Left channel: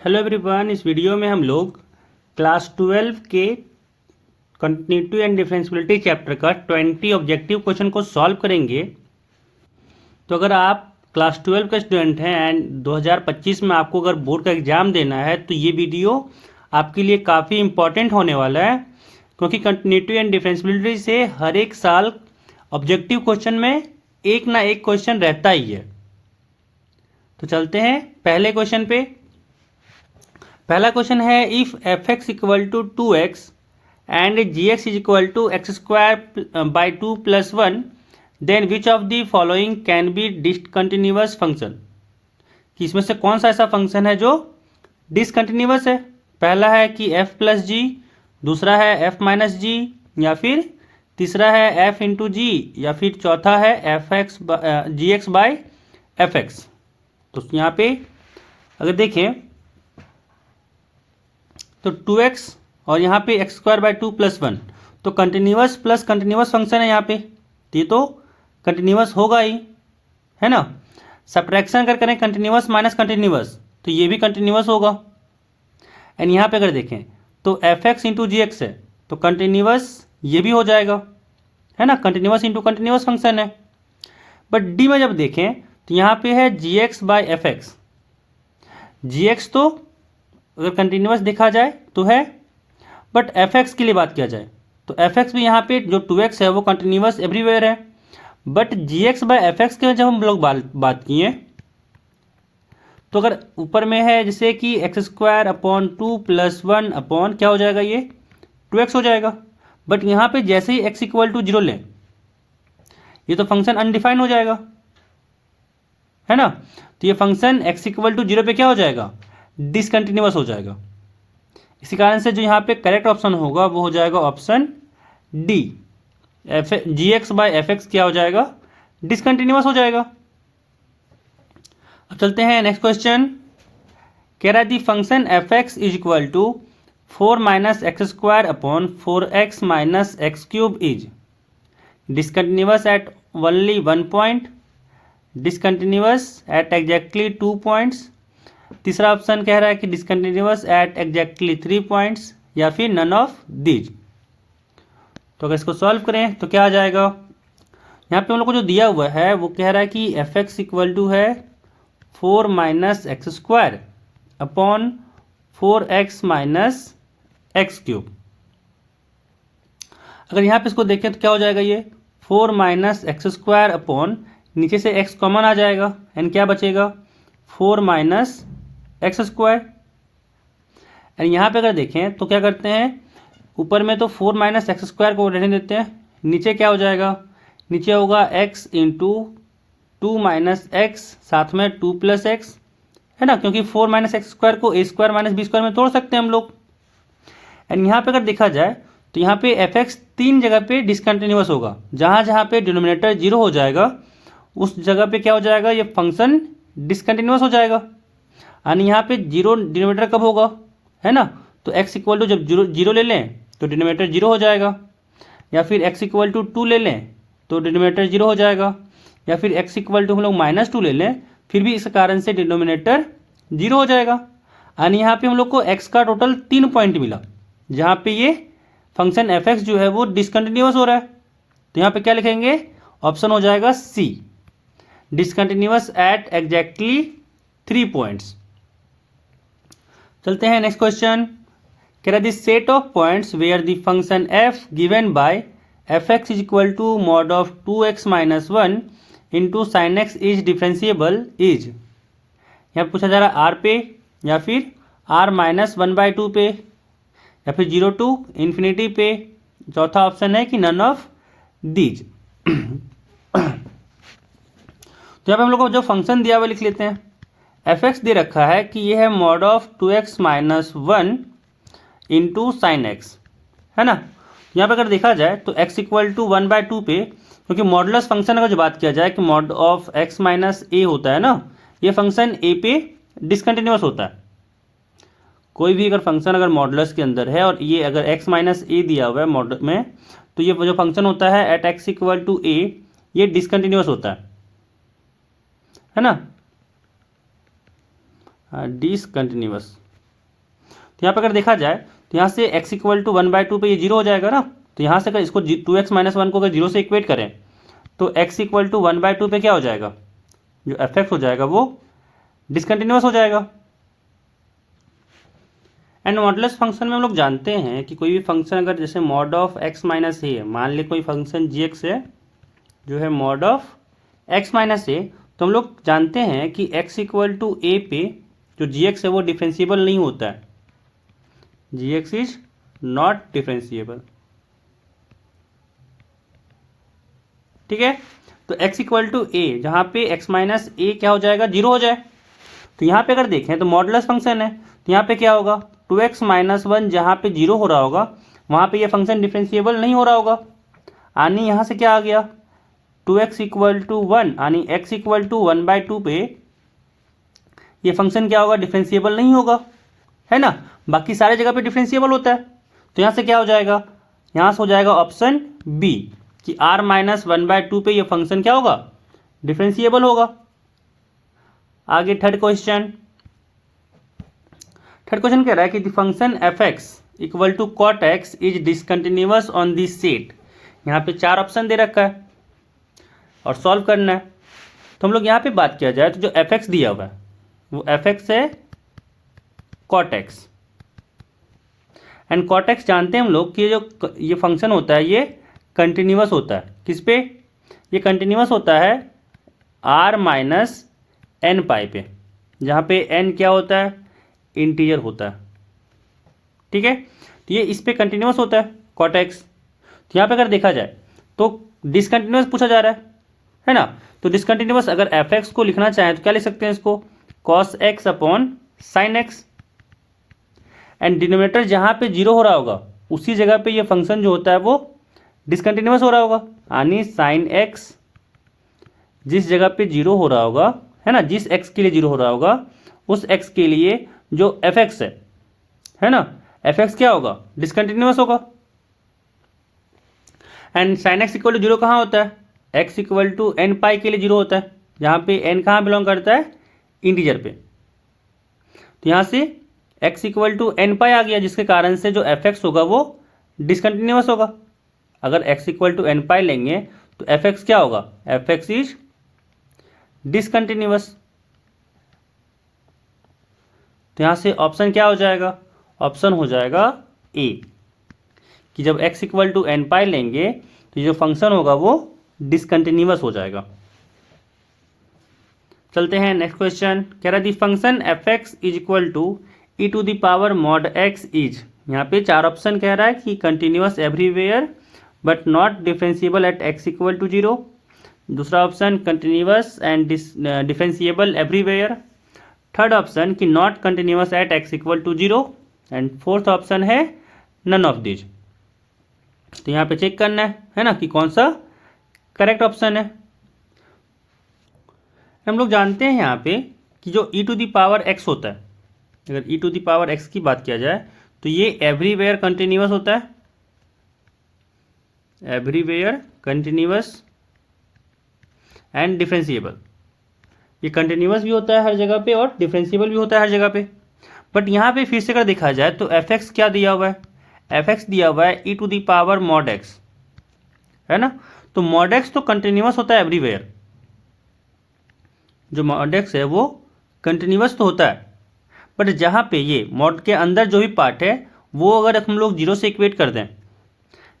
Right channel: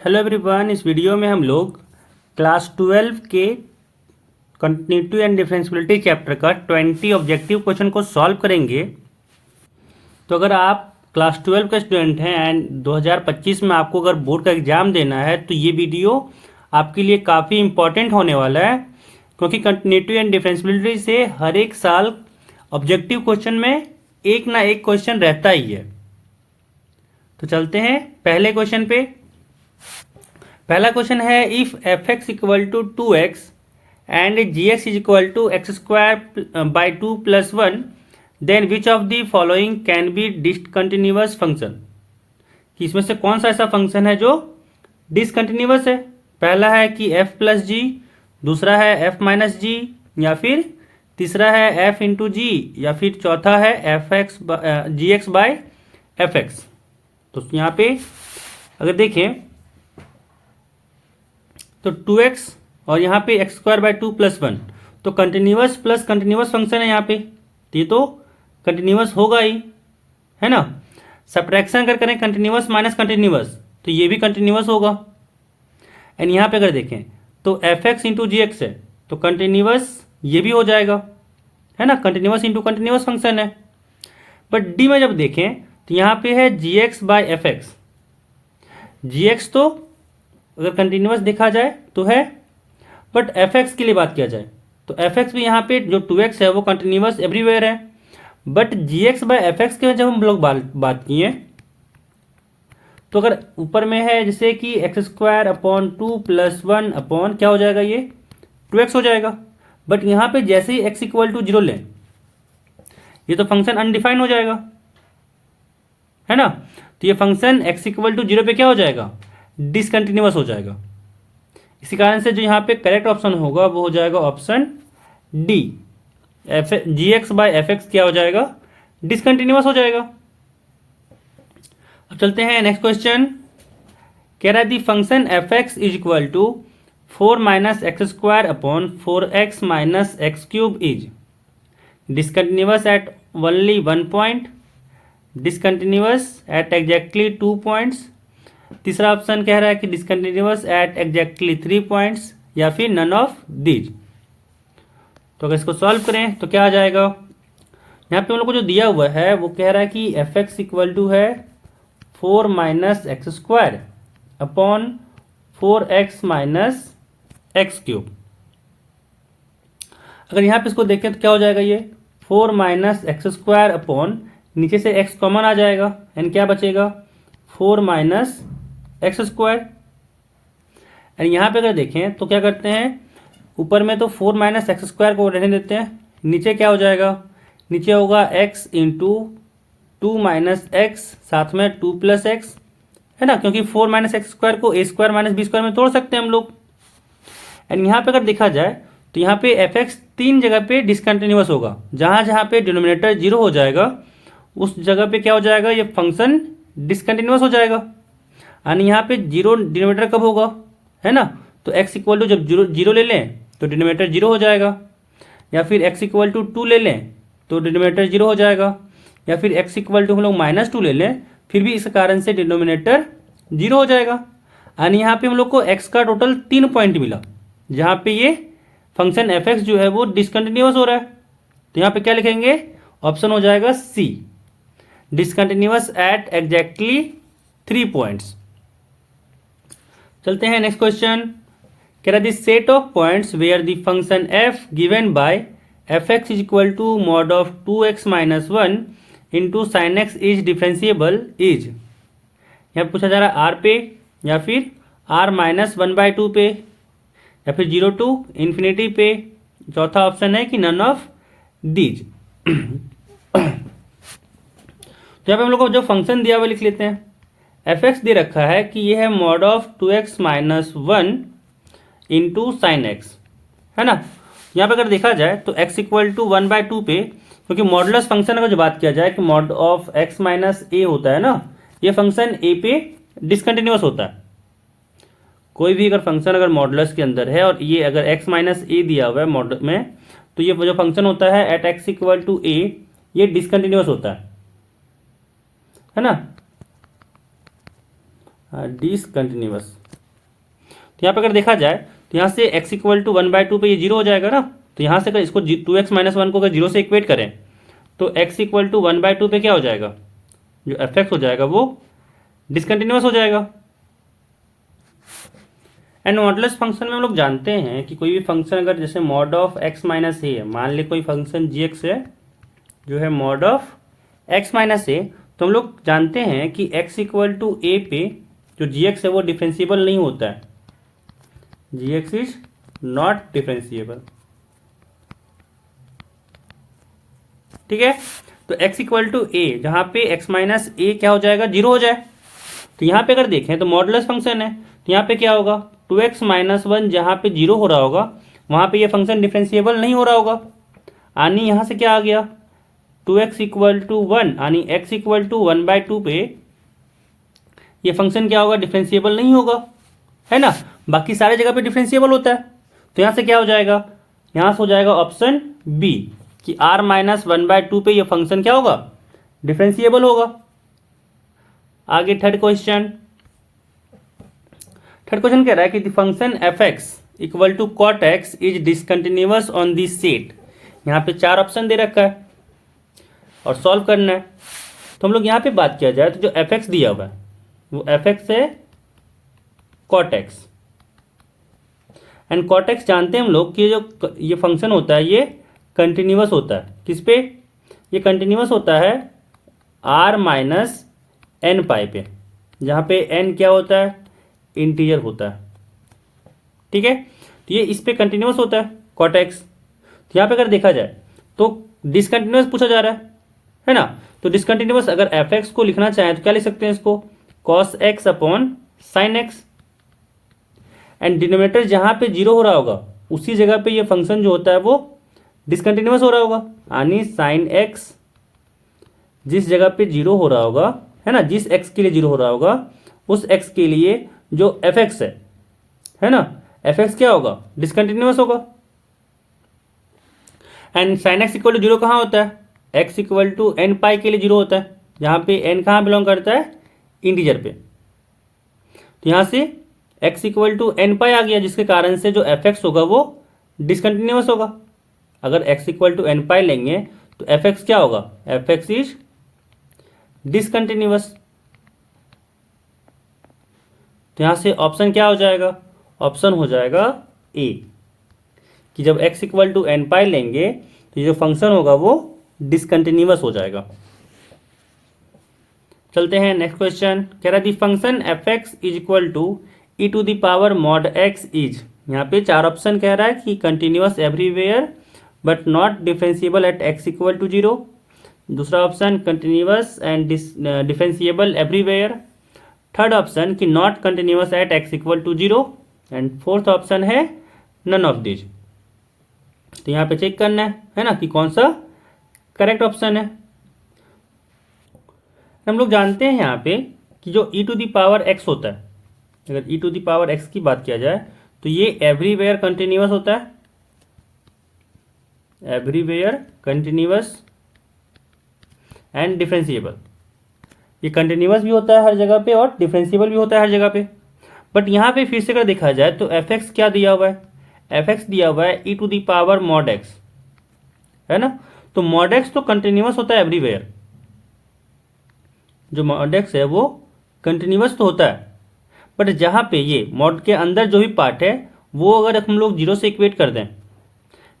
Hello everyone, इस video में हम लोग क्लास 12 के कंटिन्यूटी एंड डिफरेंशियबिलिटी चैप्टर का 20 ऑब्जेक्टिव क्वेश्चन को सॉल्व करेंगे। तो अगर आप क्लास 12 का स्टूडेंट हैं एंड 2025 में आपको अगर बोर्ड का एग्जाम देना है तो ये वीडियो आपके लिए काफ़ी इंपॉर्टेंट होने वाला है, क्योंकि कंटिन्यूटी एंड डिफरेंशियबिलिटी से हर एक साल ऑब्जेक्टिव क्वेश्चन में एक ना एक क्वेश्चन रहता ही है। तो चलते हैं पहले क्वेश्चन पे। पहला क्वेश्चन है, if f x equal to 2x and g x is equal to x square by 2 plus 1, then which of the following can be discontinuous function. कि इसमें से कौन सा ऐसा फंक्शन है जो डिसकंटिन्यूअस है। पहला है कि f प्लस जी, दूसरा है f माइनस जी, या फिर तीसरा है f इंटू जी, या फिर चौथा है f x g x by f x. तो यहाँ पे अगर देखें तो 2x और यहाँ पे एक्स स्क्वायर बाई 2 प्लस 1, तो कंटिन्यूअस प्लस कंटिन्यूअस फंक्शन है यहाँ पे, ये तो कंटिन्यूअस होगा ही, है ना। सब्ट्रैक्शन अगर करें कंटिन्यूअस माइनस कंटिन्यूअस तो ये भी कंटिन्यूअस होगा। एंड यहाँ पे अगर देखें तो f x into g x है तो कंटिन्यूअस ये भी हो जाएगा, है ना। कंटिन्यूअस इंटू कंटिन्यूअस फंक्शन है। बट डी में जब देखें तो यहाँ पे है g x by f x. G x तो अगर कंटिन्यूअस देखा जाए तो है, बट एफ एक्स के लिए बात किया जाए तो एफ एक्स भी यहाँ पे जो 2x है वो कंटिन्यूअस एवरीवेयर है। But g x by f x के जब हम लोग बात किए तो अगर ऊपर में है जैसे कि x square upon 2 plus 1 upon क्या हो जाएगा, ये 2x हो जाएगा। बट यहाँ पे जैसे ही x इक्वल टू 0 लें ये तो फंक्शन अनडिफाइंड हो जाएगा, है ना। तो ये फंक्शन x इक्वल टू 0 पे क्या हो जाएगा, डिसकंटिन्यूअस हो जाएगा। इसी कारण से जो यहाँ पे करेक्ट ऑप्शन होगा वो हो जाएगा option D, g x by f x क्या हो जाएगा, डिसकंटिन्यूअस हो जाएगा। अब चलते हैं नेक्स्ट क्वेश्चन। कह रहा है the function f x is equal to 4 minus x square upon 4x minus x cube is discontinuous at only 1 point, discontinuous at exactly 2 points, तीसरा ऑप्शन कह रहा है कि डिसकंटिन्यूअस एट एग्जैक्टली 3 पॉइंट्स, या फिर नन ऑफ दीज। तो अगर इसको सॉल्व करें तो क्या आ जाएगा, यहाँ पे हम लोग को जो दिया हुआ है वो कह रहा है कि एफ एक्स इक्वल टू है 4 minus x square upon 4x minus x cube. अगर यहाँ पे इसको देखें तो क्या हो जाएगा, ये 4 माइनस एक्स स्क्वायर अपॉन नीचे से x कॉमन आ जाएगा एंड क्या बचेगा 4 माइनस एक्स स्क्वायर। एंड यहाँ पे अगर देखें तो क्या करते हैं, ऊपर में तो 4 माइनस एक्स स्क्वायर को रहने देते हैं, नीचे क्या हो जाएगा, नीचे होगा x इंटू 2 माइनस एक्स साथ में 2 प्लस एक्स, है ना, क्योंकि 4 माइनस एक्स स्क्वायर को ए स्क्वायर माइनस बी स्क्वायर में तोड़ सकते हैं हम लोग। एंड यहाँ पे अगर देखा जाए तो यहाँ पे एफ एक्स 3 जगह पे डिसकंटिन्यूअस होगा, जहां जहां पे डिनोमिनेटर 0 हो जाएगा उस जगह पे क्या हो जाएगा, ये फंक्शन डिसकंटिन्यूअस हो जाएगा। यानी यहाँ पे 0 डिनोमिनेटर कब होगा, है ना। तो x इक्वल टू जब 0 ले लें तो डिनोमिनेटर 0 हो जाएगा, या फिर x इक्वल टू 2 ले लें तो डिनोमिनेटर 0 हो जाएगा, या फिर x इक्वल टू हम लोग -2 ले लें फिर भी इस कारण से डिनोमिनेटर 0 हो जाएगा। यानी यहाँ पे हम लोग को x का टोटल 3 पॉइंट मिला जहाँ पे ये फंक्शन एफ एक्स जो है वो डिसकंटिन्यूअस हो रहा है। तो यहाँ पे क्या लिखेंगे, ऑप्शन हो जाएगा C, discontinuous at exactly 3 points. चलते हैं नेक्स्ट क्वेश्चन। कह रहा this set of points where the function f given by f x is equal to mod of 2x minus 1 into sine x is differentiable is. यहाँ पूछा जा रहा है r पे, या फिर r माइनस 1/2 पे, या फिर 0 टू इन्फिनिटी पे, चौथा ऑप्शन है कि नन ऑफ दीज। तो यहाँ पे हम लोग को जो फंक्शन दिया हुआ लिख लेते हैं। एफ एक्स दे रखा है कि ये है mod of 2x minus 1 into sine x, है ना। यहाँ पे अगर देखा जाए तो x इक्वल टू 1/2 पे, क्योंकि मॉडुलस फंक्शन अगर जो बात किया जाए कि मॉड ऑफ x माइनस ए होता है ना, ये फंक्शन a पे डिसकंटिन्यूअस होता है। कोई भी अगर फंक्शन अगर मॉडुलस के अंदर है और ये अगर x माइनस ए दिया हुआ है मॉड में, तो ये जो फंक्शन होता है at x equal to a ये डिसकंटिन्यूअस होता है ना, डिसकंटिन्यूअस। तो यहाँ पे अगर देखा जाए तो यहाँ से x इक्वल टू 1/2 पे ये जीरो हो जाएगा ना, तो यहाँ से अगर इसको 2x माइनस 1 को अगर जीरो से इक्वेट करें तो x इक्वल टू 1/2 पे क्या हो जाएगा, जो f(x) हो जाएगा वो डिसकंटिन्यूअस हो जाएगा। एंड मॉडुलस फंक्शन में हम लोग जानते हैं कि कोई भी फंक्शन अगर जैसे mod of x minus a है, मान ले कोई फंक्शन g(x) है जो है मॉड ऑफ x माइनस ए, तो हम लोग जानते हैं कि x इक्वल टू ए पे जो g(x) है वो डिफरेंशिएबल नहीं होता है, g(x) इज नॉट डिफरेंशिएबल। ठीक है, तो x इक्वल टू ए जहां पे x माइनस ए क्या हो जाएगा, जीरो हो जाए। तो यहाँ पे अगर देखें तो मॉडुलस फंक्शन है, तो यहाँ पे क्या होगा 2x माइनस 1 जहां पे जीरो हो रहा होगा वहां पे ये फंक्शन डिफरेंशिएबल नहीं हो रहा होगा। यानी यहाँ से क्या आ गया 2x इक्वल टू 1, यानी x इक्वल टू 1/2 पे ये फंक्शन क्या होगा, डिफरेंशिएबल नहीं होगा, है ना। बाकी सारे जगह पे डिफरेंशिएबल होता है। तो यहाँ से क्या हो जाएगा, यहाँ से हो जाएगा ऑप्शन बी कि r माइनस 1/2 पे ये फंक्शन क्या होगा, डिफरेंशिएबल होगा। आगे थर्ड क्वेश्चन कह रहा है कि the function f(x) equal to cot x is discontinuous on this set. यहाँ पे 4 ऑप्शन दे रखा है और सॉल्व करना है। तो हम लोग यहाँ पे बात किया जाए तो जो f(x) दिया हुआ है वो f(x) है cot x, and cot x जानते हैं हम लोग कि जो ये फंक्शन होता है ये कंटिन्यूअस होता है। किस पे, ये कंटिन्यूअस होता है r माइनस एन पाई पे, जहां पे n क्या होता है, इंटीजर होता है। ठीक है, तो ये इस पे कंटिन्यूअस होता है cot x। तो यहाँ पे अगर देखा जाए तो डिसकंटिन्यूअस पूछा जा रहा है ना, तो डिसकंटिन्यूअस अगर f(x) को लिखना चाहें तो क्या लिख सकते हैं इसको, cos x upon sine x, and denominator जहां पे जीरो हो रहा होगा उसी जगह पे ये फंक्शन जो होता है वो डिसकंटिन्यूअस हो रहा होगा, यानी साइन एक्स जिस जगह पे जीरो हो रहा होगा, है ना, जिस x के लिए जीरो हो रहा होगा उस x के लिए जो f(x) है ना, f(x) क्या होगा, डिसकंटिन्यूअस होगा। And sine x equal to zero कहाँ होता है, x equal to n pi के लिए जीरो होता है, जहां पे n कहाँ बिलोंग करता है, इंटीजर पे। तो यहां से x इक्वल टू एन पाई आ गया, जिसके कारण से जो f(x) होगा वो डिसकंटिन्यूअस होगा। अगर x इक्वल टू एन पाई लेंगे तो f(x) क्या होगा, f(x) इज डिसकंटिन्यूअस। तो यहां से ऑप्शन क्या हो जाएगा, ऑप्शन हो जाएगा ए कि जब x इक्वल टू एन पाई लेंगे तो जो फंक्शन होगा वो डिसकंटिन्यूअस हो जाएगा। चलते हैं नेक्स्ट क्वेश्चन, कह रहा है the function f(x) is equal to e to the power mod x is. यहाँ पे 4 ऑप्शन कह रहा है कि continuous everywhere but not differentiable at x equal to 0। दूसरा option continuous and differentiable everywhere. Third option कि not continuous at x equal to 0, and fourth option है none of this. तो यहाँ पे चेक करना है ना कि कौन सा करेक्ट ऑप्शन है। हम लोग जानते हैं यहाँ पे कि जो e to the power x होता है, अगर e to the power x की बात किया जाए तो ये एवरीवेयर कंटिन्यूअस होता है, एवरीवेयर कंटिन्यूअस एंड डिफरेंशिएबल। ये कंटिन्यूअस भी होता है हर जगह पे और डिफरेंशिएबल भी होता है हर जगह पे। बट यहाँ पे फिर से अगर देखा जाए तो f(x) क्या दिया हुआ है, f(x) दिया हुआ है e to the power mod x, है ना। तो मॉड x तो कंटिन्यूअस होता है एवरीवेयर, जो मॉड x है वो कंटिन्यूअस तो होता है, बट जहां पे ये मॉड के अंदर जो भी पार्ट है वो अगर हम लोग जीरो से इक्वेट कर दें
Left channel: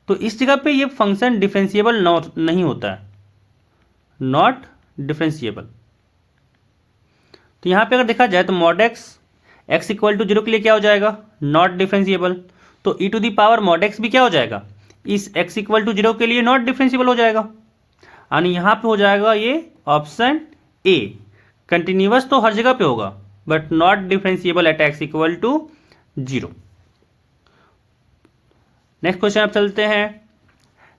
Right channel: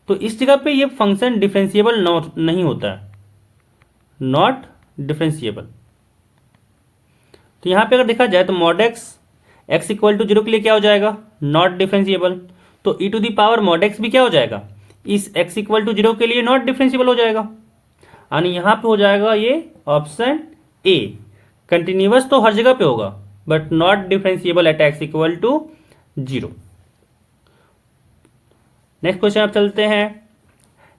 तो इस जगह पे ये फंक्शन डिफरेंशिएबल नहीं होता है, नॉट डिफरेंशिएबल। तो यहां पे अगर देखा जाए तो मॉड x इक्वल टू 0 के लिए क्या हो जाएगा, नॉट डिफरेंशिएबल। तो e to the power mod x भी क्या हो जाएगा, इस x इक्वल टू 0 के लिए नॉट डिफरेंशिएबल हो जाएगा, यानी यहां पे हो जाएगा ये ऑप्शन ए। कंटिन्यूअस तो हर जगह पे होगा but not differentiable at x equal to 0। Next question अब चलते हैं।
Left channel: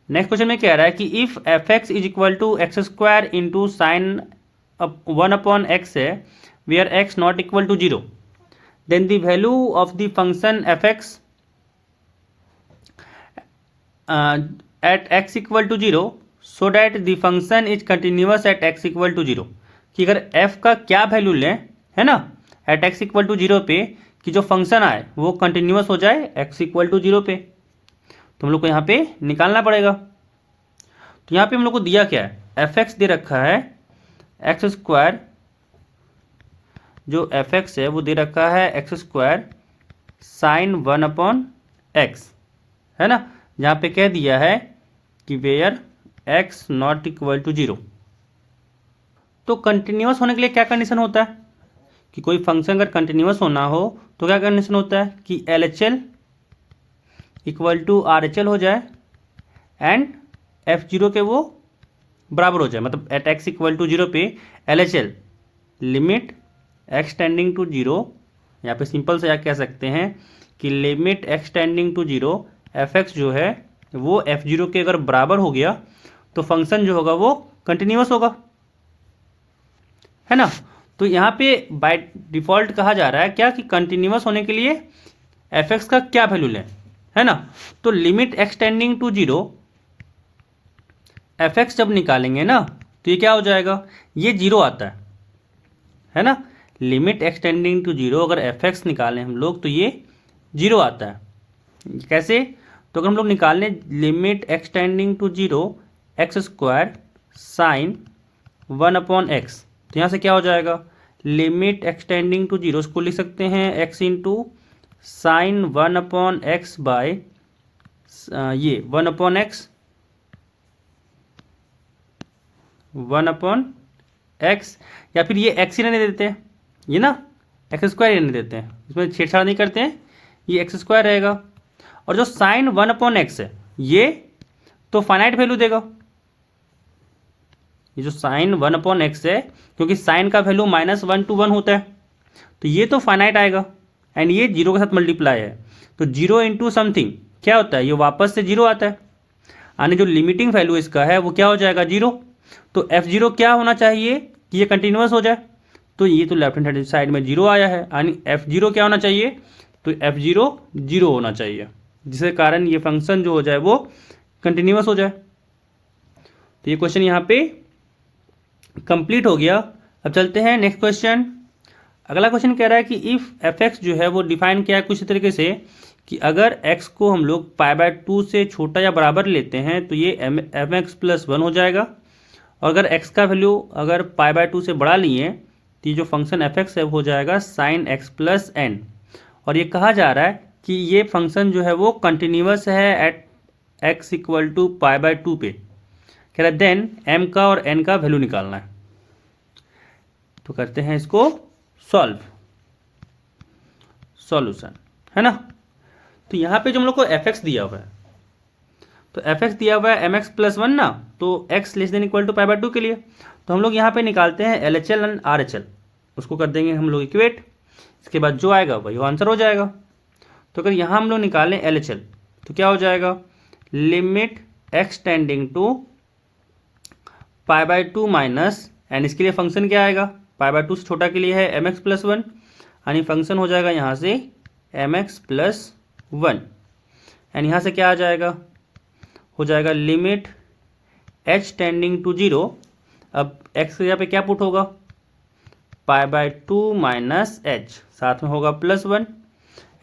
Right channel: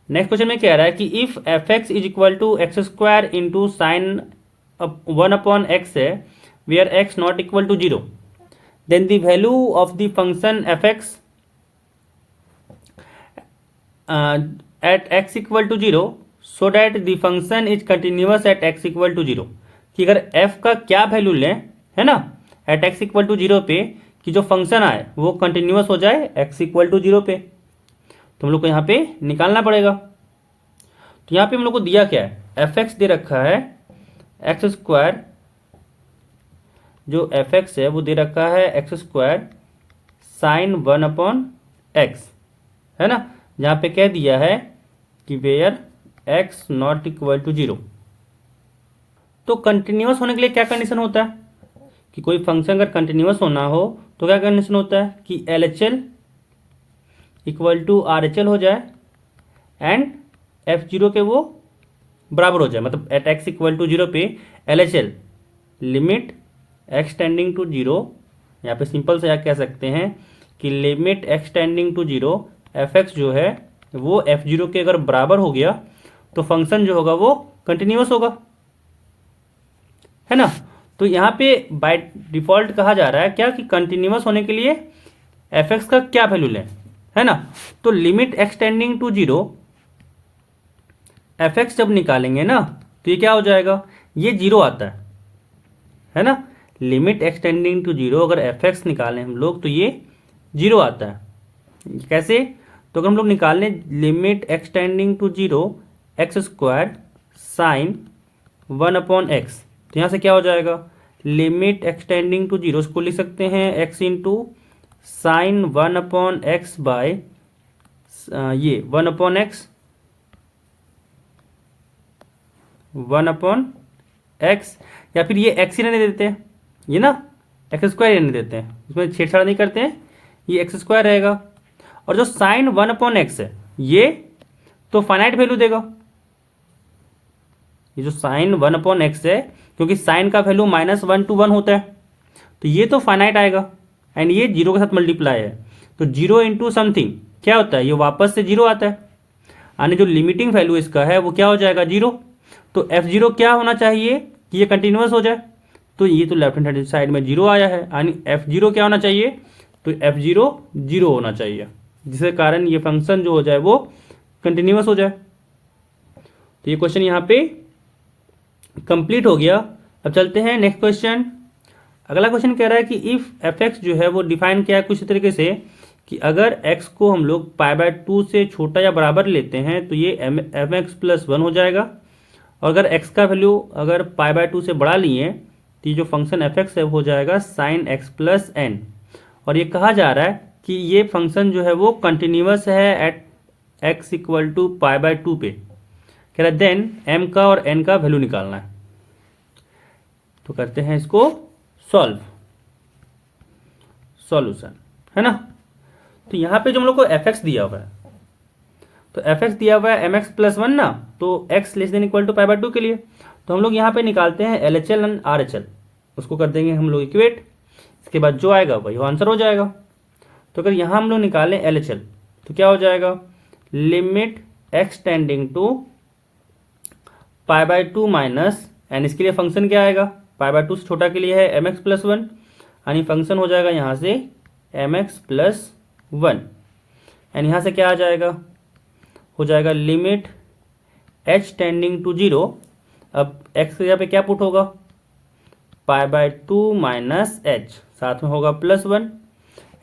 नेक्स्ट क्वेश्चन में कह रहा है कि if f(x) is equal to x square into sine 1 upon x है where x not equal to 0, then the value of the function f(x) at x equal to 0 so that the function is continuous at x equal to 0। कि अगर f का क्या value लें, है ना, eight x equal to 0 पे कि जो फंक्शन आए वो कंटिन्यूअस हो जाए x इक्वल टू 0 पे, तो हम लोग को यहाँ पे निकालना पड़ेगा। तो यहाँ पे हम लोग को दिया क्या है, एफ एक्स दे रखा है एक्स स्क्वायर, जो एफ एक्स है वो दे रखा है एक्स स्क्वायर साइन 1/x, है ना, जहाँ पे कह दिया है कि where x not equal to 0। तो कंटिन्यूअस होने के लिए क्या कंडीशन होता है कि कोई फंक्शन अगर कंटिन्यूअस होना हो तो क्या कंडीशन होता है कि LHL इक्वल टू RHL हो जाए एंड F0 के वो बराबर हो जाए, मतलब एट x इक्वल टू 0 पे LHL limit x tending to 0, यहाँ पे सिंपल से क्या कह सकते हैं कि limit x tending to 0 fx जो है वो F0 के अगर बराबर हो गया तो फंक्शन जो होगा वो कंटिन्यूअस होगा, है ना। तो यहाँ पे बाय डिफॉल्ट कहा जा रहा है क्या कि कंटिन्यूअस होने के लिए fx का क्या वैल्यू लें, है ना। तो limit x tending to 0 fx जब निकालेंगे ना तो ये क्या हो जाएगा, ये 0 आता है ना। लिमिट x टेंडिंग टू 0 अगर fx निकालें हम लोग तो ये 0 आता है। कैसे, तो अगर हम लोग निकालें limit x tending to 0 x square sine 1/x, तो यहाँ से क्या हो जाएगा, लिमिट x टेंडिंग टू 0 को लिख सकते हैं x into sine 1/x bye ये 1/x 1/x, या फिर ये x ही रहने देते हैं, ये ना एक्स स्क्वायर रहने देते हैं, इसमें छेड़छाड़ नहीं करते हैं, ये एक्स स्क्वायर रहेगा। और जो साइन 1/x है ये तो फाइनाइट वैल्यू देगा, ये जो साइन 1/x है क्योंकि साइन का वैल्यू -1 to 1 होता है तो ये तो फाइनाइट आएगा एंड ये 0 के साथ मल्टीप्लाई है, तो 0 इंटू समथिंग क्या होता है, ये वापस से 0 आता है, यानी जो लिमिटिंग वैल्यू इसका है वो क्या हो जाएगा 0। तो F0 क्या होना चाहिए कि ये कंटिन्यूअस हो जाए, तो ये तो लेफ्ट हैंड साइड में 0 आया है, यानी F0 क्या होना चाहिए, तो F0 0 होना चाहिए, जिसके कारण ये फंक्शन जो हो जाए वो कंटिन्यूअस हो जाए। तो ये क्वेश्चन यहाँ पे कंप्लीट हो गया। अब चलते हैं नेक्स्ट क्वेश्चन। अगला क्वेश्चन कह रहा है कि इफ एफ एक्स जो है वो डिफाइन किया है कुछ तरीके से कि अगर x को हम लोग π/2 से छोटा या बराबर लेते हैं तो ये एम एक्स प्लस 1 हो जाएगा, और अगर x का वैल्यू अगर π/2 से बढ़ा लिए तो ये जो फंक्शन एफ एक्स है हो जाएगा साइन x प्लस एन। और ये कहा जा रहा है कि ये फंक्शन जो है वो कंटिन्यूअस है एट x इक्वल टू π/2 पे, कह रहा है देन m का और n का वैल्यू निकालना है। तो करते हैं इसको सॉल्यूशन, है ना। तो यहाँ पे जो हम लोग को एफ एक्स दिया हुआ है, तो एफ एक्स दिया हुआ है एम एक्स प्लस 1 ना, तो x less than equal to π/2 के लिए, तो हम लोग यहाँ पे निकालते हैं LHL एंड RHL, उसको कर देंगे हम लोग इक्वेट, इसके बाद जो आएगा वही आंसर हो जाएगा। तो अगर यहाँ हम लोग निकालें LHL तो क्या हो जाएगा, limit x tending to π/2 minus and इसके लिए फंक्शन क्या आएगा, π/2 से छोटा के लिए है एम एक्स प्लस 1, यानी फंक्शन हो जाएगा यहाँ से एम एक्स प्लस 1 एंड यहाँ से क्या आ जाएगा, हो जाएगा लिमिट h टेंडिंग टू 0, अब x के जगह पे क्या पुट होगा, π/2 माइनस h, साथ में होगा प्लस 1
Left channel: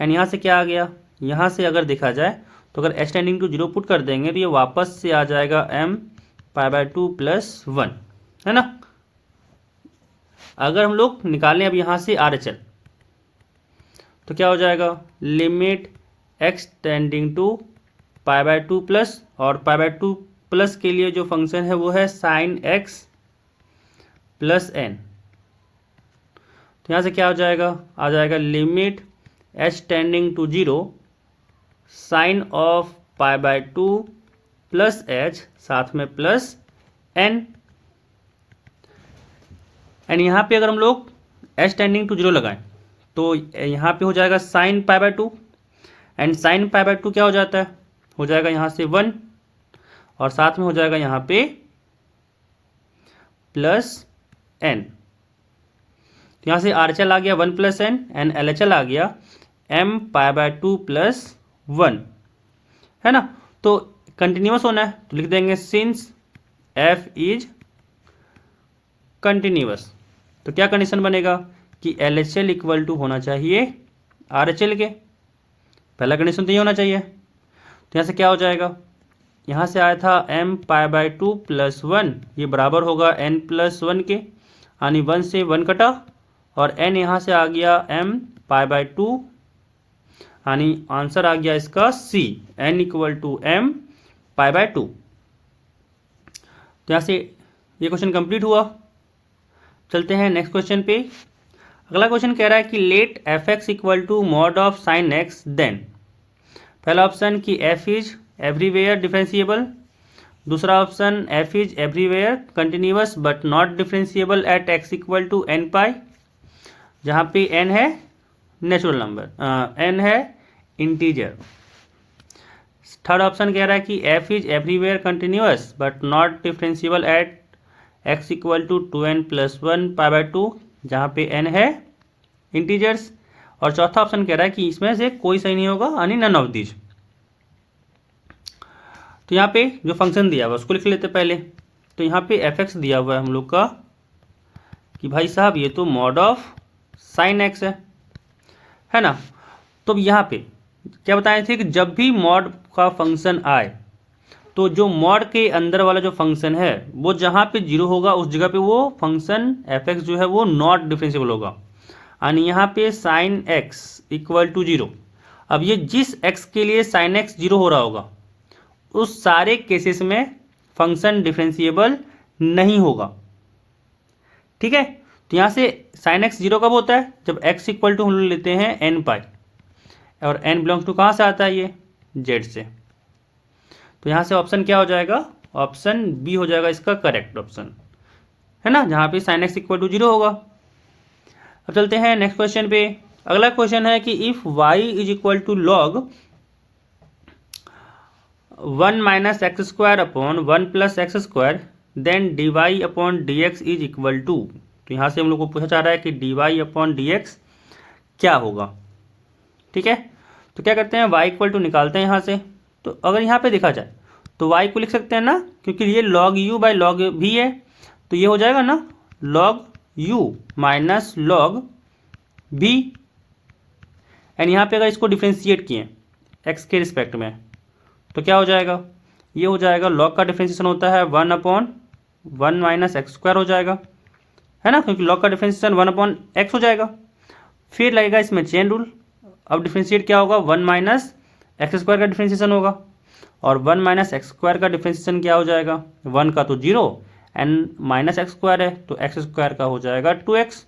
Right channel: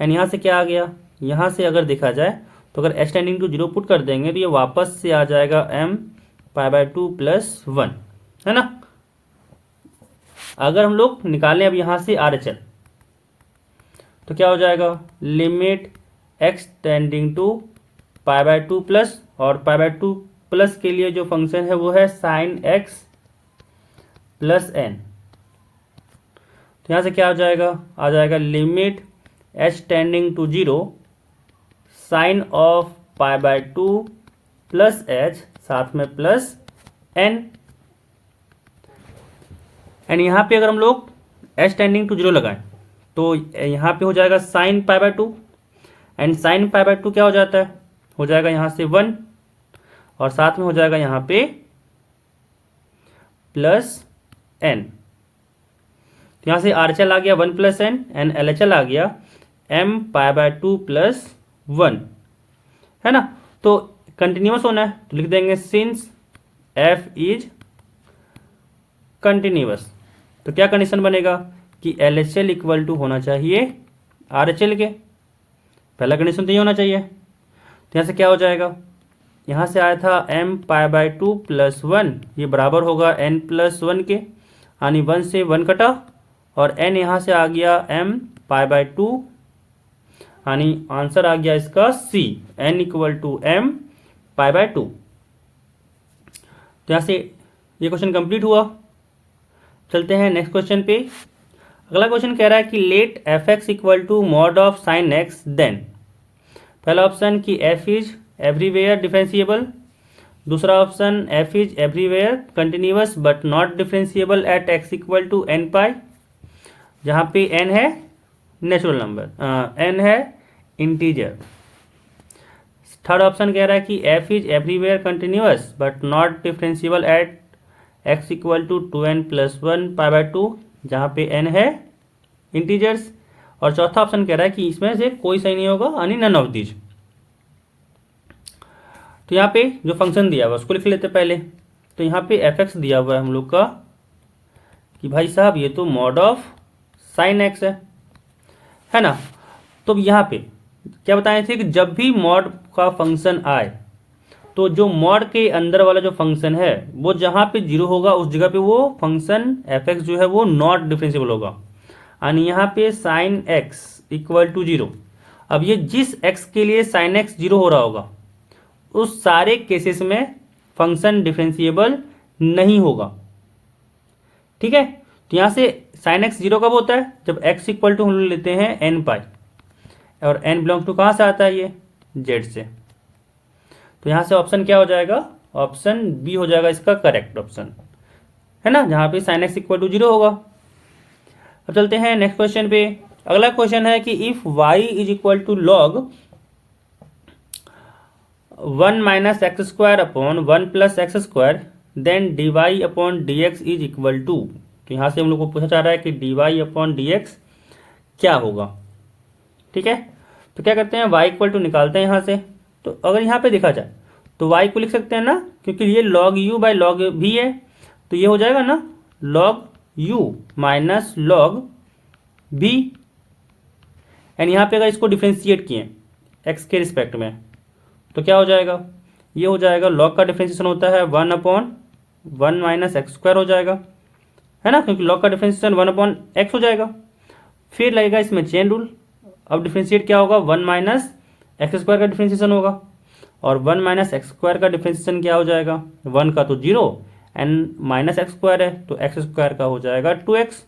एंड यहाँ से क्या आ गया, यहाँ से अगर देखा जाए तो अगर h टेंडिंग टू 0 पुट कर देंगे तो ये वापस से आ जाएगा m π/2 प्लस 1, है ना। अगर हम लोग निकालें अब यहाँ से RHL तो क्या हो जाएगा, limit x tending to π/2 plus, और π/2 प्लस के लिए जो फंक्शन है वो है साइन x प्लस n, तो यहाँ से क्या हो जाएगा, आ जाएगा limit h tending to 0 sine of π/2 plus h, साथ में प्लस n एंड यहाँ पे अगर हम लोग h टेंडिंग टू 0 लगाएं तो यहाँ पे हो जाएगा साइन π/2 एंड साइन π/2 क्या हो जाता है, हो जाएगा यहाँ से 1 और साथ में हो जाएगा यहाँ पे प्लस n, यहाँ से RHL आ गया 1 प्लस n एंड LHL आ गया m π/2 प्लस 1, है ना। तो कंटिन्यूअस होना है तो लिख देंगे सिंस f इज कंटिन्यूअस, तो क्या कंडीशन बनेगा कि LHL इक्वल टू होना चाहिए RHL के, पहला कंडीशन तो ये होना चाहिए। तो यहाँ से क्या हो जाएगा, यहाँ से आया था m π/2 + 1, ये बराबर होगा n + 1 के, यानी 1 से 1 कटा और n यहाँ से आ गया m π/2, यानी आंसर आ गया इसका C, n = m π/2। तो यहाँ से ये क्वेश्चन कंप्लीट हुआ। चलते हैं नेक्स्ट क्वेश्चन पे। अगला क्वेश्चन कह रहा है कि let f(x) = mod of sin x देन। पहला ऑप्शन कि f इज एवरीवेयर डिफरेंशिएबल, दूसरा option f is everywhere continuous but not differentiable at x = n π, जहाँ पे n है नेचुरल नंबर, n है इंटीजर। थर्ड ऑप्शन कह रहा है कि f is everywhere continuous but not differentiable at x = 2n + 1 π/2, जहाँ पे n है इंटीजर्स। और चौथा ऑप्शन कह रहा है कि इसमें से कोई सही नहीं होगा, यानी नन ऑफ दीज। तो यहाँ पे जो फंक्शन दिया हुआ उसको लिख लेते पहले। तो यहाँ पे f(x) दिया हुआ है हम लोग का कि भाई साहब ये तो मॉड ऑफ साइन x है ना। तो यहाँ पे क्या बताए थे कि जब भी मॉड का फंक्शन आए तो जो मॉड के अंदर वाला जो फंक्शन है वो जहाँ पे 0 होगा उस जगह पे वो फंक्शन f(x) जो है वो नॉट डिफरेंशिएबल होगा, यानी यहाँ पे साइन x = 0। अब ये जिस x के लिए साइन x 0 हो रहा होगा उस सारे केसेस में फंक्शन डिफरेंशिएबल नहीं होगा, ठीक है। तो यहाँ से साइन x 0 कब होता है, जब x = हम लेते हैं n π, और n बिलोंग्स टू कहाँ से आता है, ये z से। तो यहाँ से ऑप्शन क्या हो जाएगा, ऑप्शन बी हो जाएगा इसका करेक्ट ऑप्शन, है ना, जहाँ पे साइन x = 0 होगा। अब चलते हैं नेक्स्ट क्वेश्चन पे। अगला क्वेश्चन है कि if y = log 1 - x² / 1 + x² then dy/dx is equal to. तो यहाँ से हम लोग को पूछा जा रहा है कि dy/dx क्या होगा, ठीक है। तो क्या करते हैं, y = निकालते हैं यहाँ से। तो अगर यहाँ पे देखा जाए तो y को लिख सकते हैं ना, क्योंकि ये log u/log v है, तो ये हो जाएगा ना log u - log v। And यहाँ पे अगर इसको डिफ्रेंशिएट किए x के रिस्पेक्ट में तो क्या हो जाएगा, ये हो जाएगा log का डिफ्रेंशिएशन होता है 1/1 - x² हो जाएगा, है ना, क्योंकि log का डिफ्रेंशिएशन 1/x हो जाएगा। फिर लगेगा इसमें चेन रूल। अब डिफ्रेंशिएट क्या होगा, 1 - x² का डिफ्रेंशिएशन होगा, और 1 - x² का डिफ्रेंशिएशन क्या हो जाएगा, 1 का तो 0 एंड -x² है तो x² का हो जाएगा 2x,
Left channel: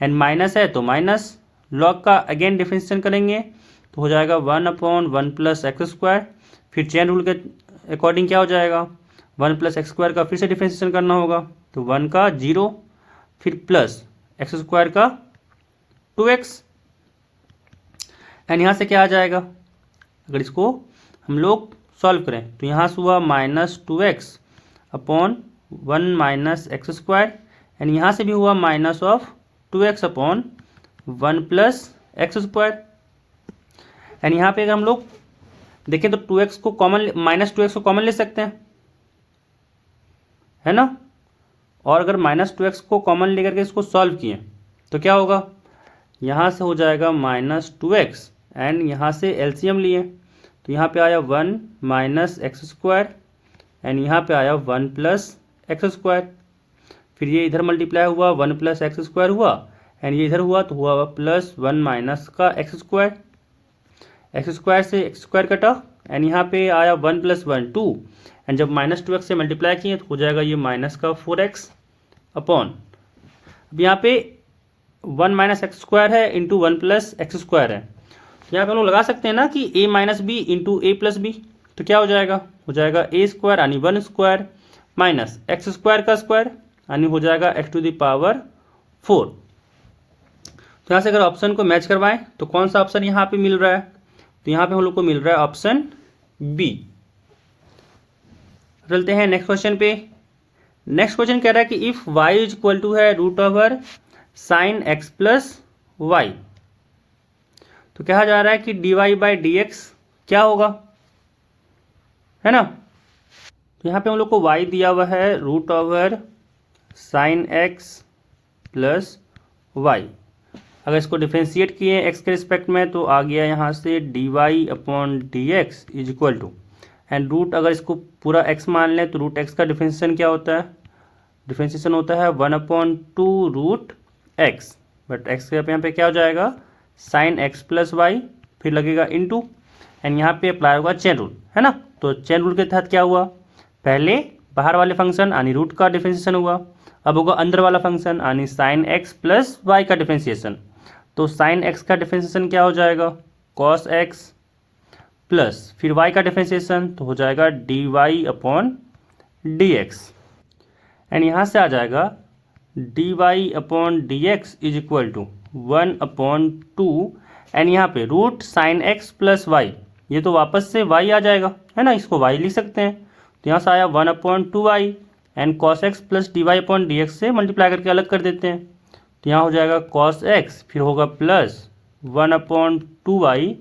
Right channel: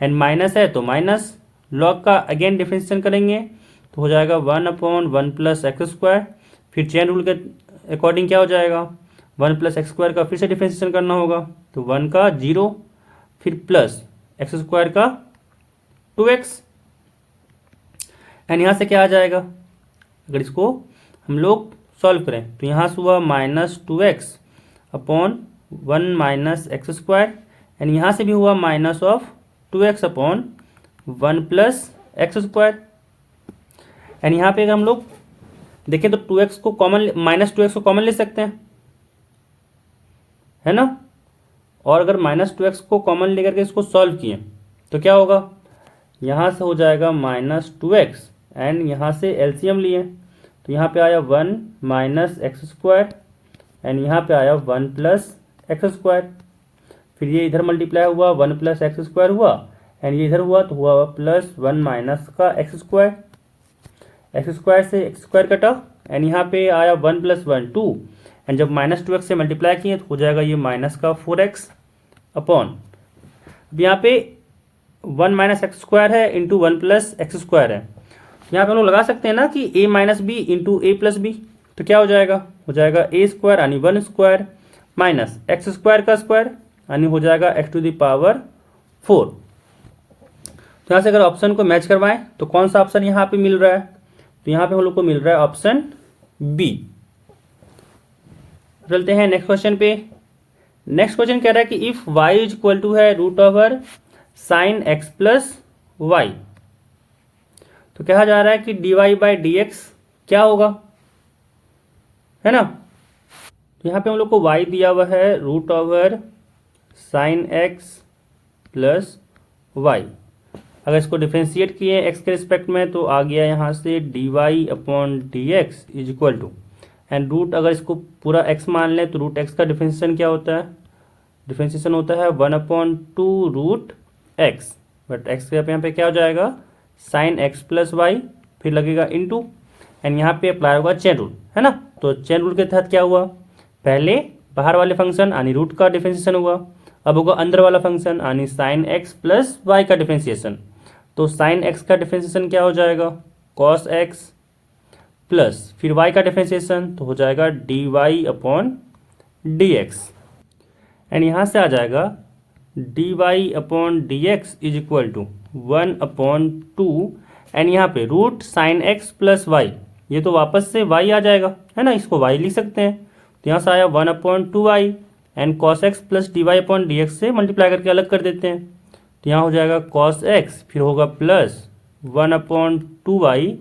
एंड माइनस है तो माइनस। लॉग का अगेन डिफ्रेंशिएशन करेंगे तो हो जाएगा 1/1 + x²। फिर चेन रूल के अकॉर्डिंग क्या हो जाएगा, 1 + x² का फिर से डिफ्रेंशिएशन करना होगा, तो 1 का 0 फिर प्लस x² का 2x, एंड यहाँ से क्या आ जाएगा, अगर इसको हम लोग सॉल्व करें तो यहाँ से हुआ -2x/1 - x², एंड यहाँ से भी हुआ -2x/1 + x²। एंड यहाँ पे अगर हम लोग देखें तो 2x को कॉमन -2x को कॉमन ले सकते हैं, है ना। और अगर -2x को कॉमन लेकर के इसको सॉल्व किए तो क्या होगा, यहाँ से हो जाएगा -2x, एंड यहाँ से एलसीएम लिए तो यहाँ पे आया 1 - x², एंड यहाँ पे आया 1 + x²। फिर ये इधर मल्टीप्लाई हुआ 1 + x² हुआ, एंड ये इधर हुआ तो हुआ +1 - का x²। x² से x² कटा, एंड यहाँ पे आया 1 + 1 2, एंड जब -2x से मल्टीप्लाई किए तो हो जाएगा ये -4x अपॉन, अब यहाँ पे 1 - x² है इंटू 1 + x² है। यहाँ पे हम लोग लगा सकते हैं ना कि a - b into a + b, तो क्या हो जाएगा a² यानी 1² माइनस x² का स्क्वायर यानी हो जाएगा x⁴। तो यहाँ से अगर ऑप्शन को मैच करवाएं तो कौन सा ऑप्शन यहाँ पे मिल रहा है, तो यहाँ पे हम लोग को मिल रहा है ऑप्शन बी। चलते हैं नेक्स्ट क्वेश्चन पे। नेक्स्ट क्वेश्चन कह रहा है कि if y = sin x + y, तो कहा जा रहा है कि dy/dx क्या होगा, है ना। तो यहाँ पे हम लोग को y दिया हुआ है sin x + y। अगर इसको डिफ्रेंशिएट किए एक्स के रिस्पेक्ट में तो आ गया यहाँ से dy/dx is equal to, and root अगर इसको पूरा x मान लें तो रूट x का डिफ्रेंशिएशन क्या होता है, डिफ्रेंशिएशन होता है 1/2 रूट x, बट x के यहाँ पे क्या हो जाएगा साइन x प्लस वाई, फिर लगेगा इनटू, एंड यहाँ पे अप्लाई होगा चेन रूल, है ना। तो चेन रूल के तहत क्या हुआ, पहले बाहर वाले फंक्शन यानी रूट का डिफ्रेंशिएशन हुआ, अब होगा अंदर वाला फंक्शन यानी साइन x प्लस वाई का डिफ्रेंशिएशन। तो साइन x का डिफ्रेंशिएशन क्या हो जाएगा कॉस x प्लस फिर y का डिफ्रेंशिएशन तो हो जाएगा dy/dx, एंड यहाँ से आ जाएगा dy/dx is equal to 1/2, and यहाँ पे root sine x plus y, ये तो वापस से y आ जाएगा, है ना, इसको y लिख सकते हैं। तो यहाँ से आया 1/2y, and cos x plus dy/dx से मल्टीप्लाई करके अलग कर देते हैं, तो यहाँ हो जाएगा कॉस x, फिर होगा प्लस 1/2y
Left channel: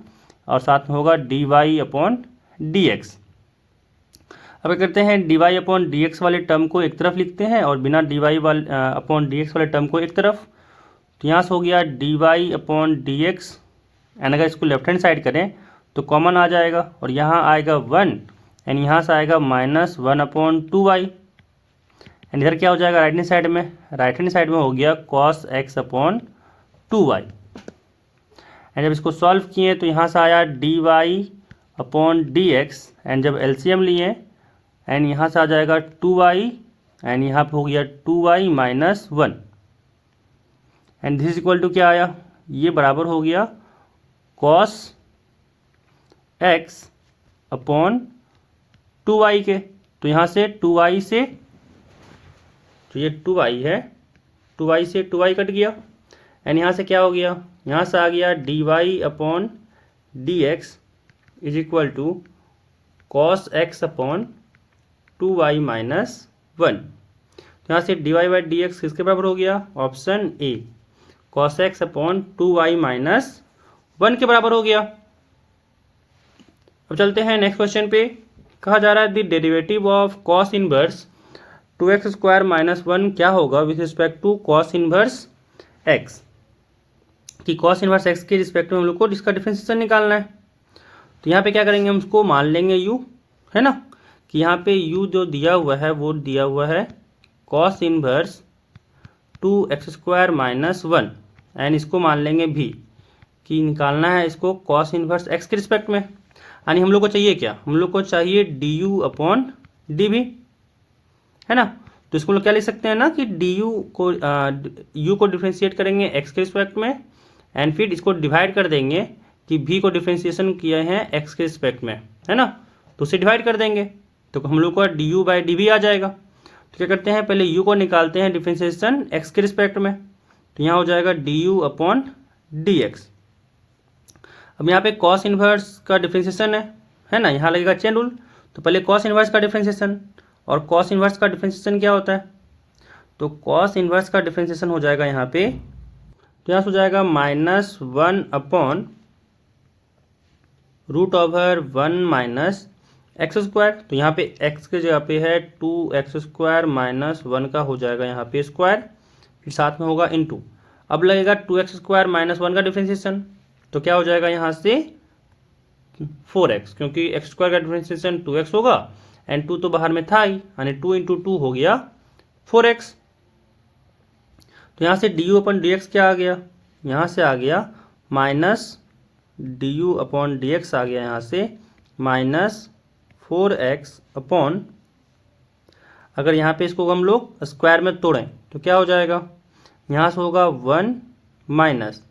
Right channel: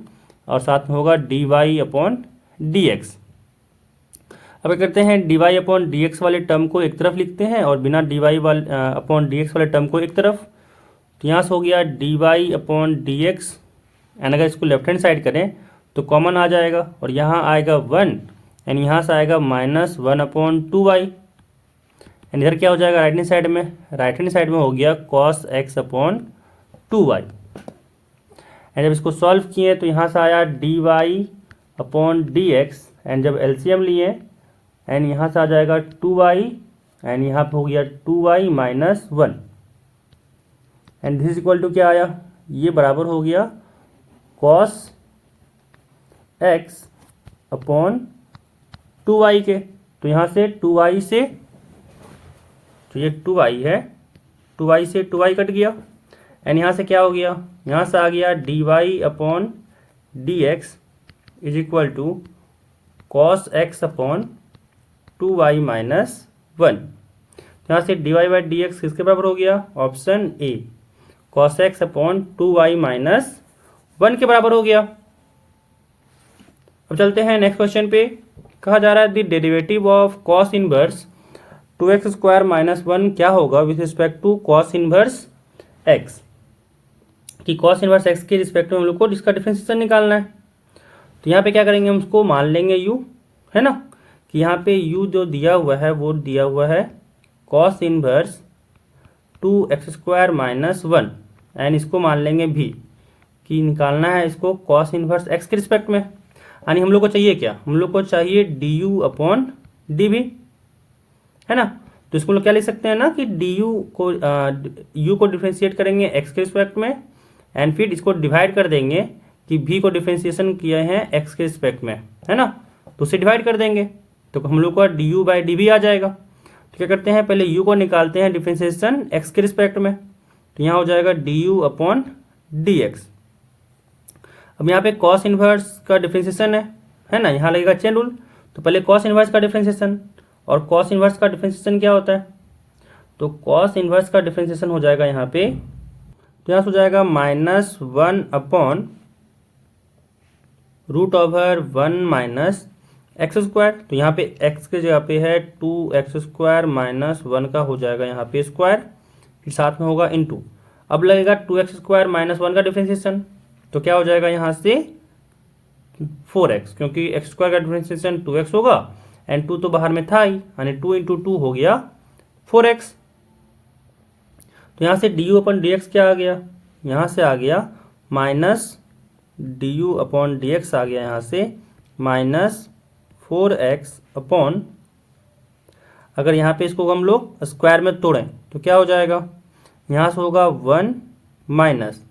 और साथ में होगा dy/dx। अब क्या करते हैं dy/dx वाले टर्म को एक तरफ लिखते हैं और बिना dy/dx वाले टर्म को एक तरफ, तो यहाँ से हो गया dy/dx, एंड अगर इसको लेफ्ट हैंड साइड करें तो कॉमन आ जाएगा और यहाँ आएगा 1, एंड यहाँ से आएगा -1/2y, एंड इधर क्या हो जाएगा राइट हैंड साइड में, राइट हैंड साइड में हो गया cos x/2y, एंड जब इसको सॉल्व किए तो यहाँ से आया dy/dx, एंड जब एलसीएम लिए एंड यहाँ से आ जाएगा 2y, एंड यहाँ पे हो गया 2y - 1, and this equal to क्या आया, ये बराबर हो गया cos x/2y के। तो यहाँ से 2y से, तो ये 2y है, 2y से 2y कट गया, एंड यहाँ से क्या हो गया, यहाँ से आ गया dy/dx is equal to cos x/2y - 1। तो यहाँ से dy/dx किसके बराबर हो गया, ऑप्शन ए cos x/2y - 1 के बराबर हो गया। अब चलते हैं नेक्स्ट क्वेश्चन पे। कहा जा रहा है the derivative of cos inverse 2x square minus 1 क्या होगा with respect to cos inverse x, कि cos इनवर्स x के रिस्पेक्ट में हम लोग को इसका डिफरेंशिएशन निकालना है। तो यहाँ पे क्या करेंगे, हम उसको मान लेंगे u, है ना, कि यहाँ पे u जो दिया हुआ है वो दिया हुआ है cos inverse 2x square minus 1, and इसको मान लेंगे v, कि निकालना है इसको cos इनवर्स x के रिस्पेक्ट में, यानी हम लोग को चाहिए क्या, हम लोग को चाहिए du/dv, है ना। तो इसको लोग क्या लिख सकते हैं ना कि u को डिफ्रेंशिएट करेंगे x के रिस्पेक्ट में, एंड फिर इसको डिवाइड कर देंगे कि v को डिफ्रेंशिएशन किया है x के रिस्पेक्ट में, है ना, तो उसे डिवाइड कर देंगे तो हम लोग को du/dv आ जाएगा। तो क्या करते हैं, पहले u को निकालते हैं डिफ्रेंशिएशन x के रिस्पेक्ट में, तो यहाँ हो जाएगा du/dx। अब यहाँ पे cos इनवर्स का डिफ्रेंशिएशन है ना, यहाँ लगेगा चेन रूल, तो पहले cos इनवर्स का डिफ्रेंशिएशन, और cos इनवर्स का डिफ्रेंशिएशन क्या होता है, तो cos इनवर्स का डिफ्रेंशिएशन हो जाएगा यहाँ पे, तो यहाँ से हो जाएगा -1/√1 - x स्क्वायर, तो यहाँ पे x के जगह पे है 2x स्क्वायर माइनस 1 का हो जाएगा यहाँ पे स्क्वायर, फिर साथ में होगा इनटू, अब लगेगा 2x स्क्वायर माइनस 1 का डिफ्रेंशिएशन, तो क्या हो जाएगा यहाँ से 4x, क्योंकि x स्क्वायर का डिफ्रेंशिएशन 2x होगा, एंड 2 तो बाहर में था ही, यानी 2 × 2 हो गया 4x। तो यहाँ से du/dx क्या आ गया, यहाँ से आ गया -du/dx आ गया यहाँ से -4x अपॉन, अगर यहाँ पे इसको हम लोग स्क्वायर में तोड़ें तो क्या हो जाएगा, यहाँ से होगा 1 माइनस,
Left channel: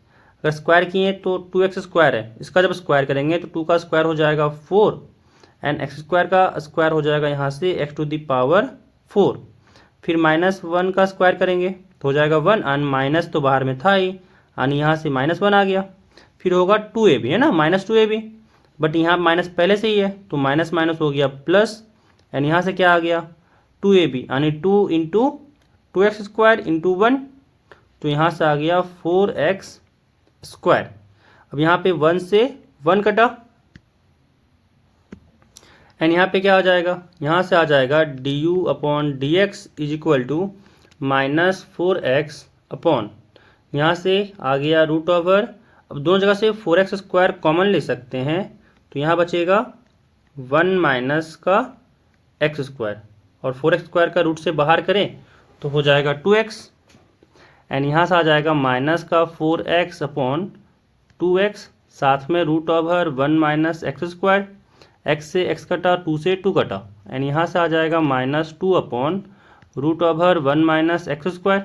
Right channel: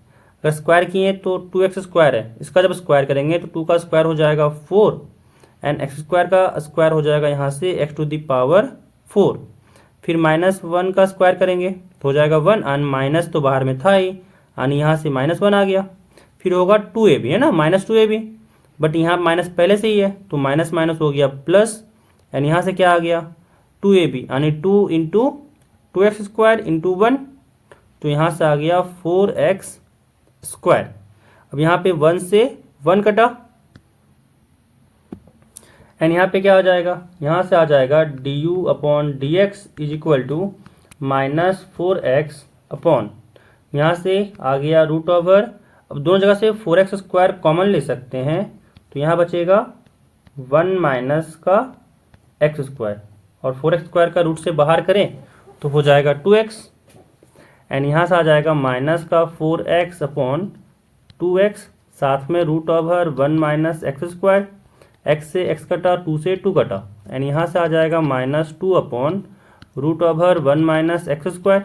अगर स्क्वायर किए तो 2x स्क्वायर है, इसका जब स्क्वायर करेंगे तो 2 का स्क्वायर हो जाएगा 4, एंड x स्क्वायर का स्क्वायर हो जाएगा यहाँ से x⁴, फिर -1 का स्क्वायर करेंगे तो हो जाएगा 1, एंड माइनस तो बाहर में था ही, यानी यहाँ से -1 आ गया, फिर होगा 2ab, है ना, -2ab, बट यहाँ माइनस पहले से ही है तो माइनस माइनस हो गया प्लस, एंड यहाँ से क्या आ गया 2ab, यानी 2 × 2x स्क्वायर इंटू 1, तो यहाँ से आ गया 4x स्क्वायर। अब यहाँ पे 1 से 1 कटा, एंड यहाँ पे क्या हो जाएगा, यहाँ से आ जाएगा du/dx is equal to -4x upon, यहाँ से आ गया रूट ओवर, अब दोनों जगह से 4x² कॉमन ले सकते हैं, तो यहाँ बचेगा 1 माइनस का x², और 4x² का रूट से बाहर करें तो हो जाएगा 2x, एंड यहाँ से आ जाएगा माइनस का 4x अपॉन 2x, साथ में root over 1 minus x², x से x कटा, 2 से 2 कटा, एंड यहाँ से आ जाएगा -2 upon root over 1 minus x²,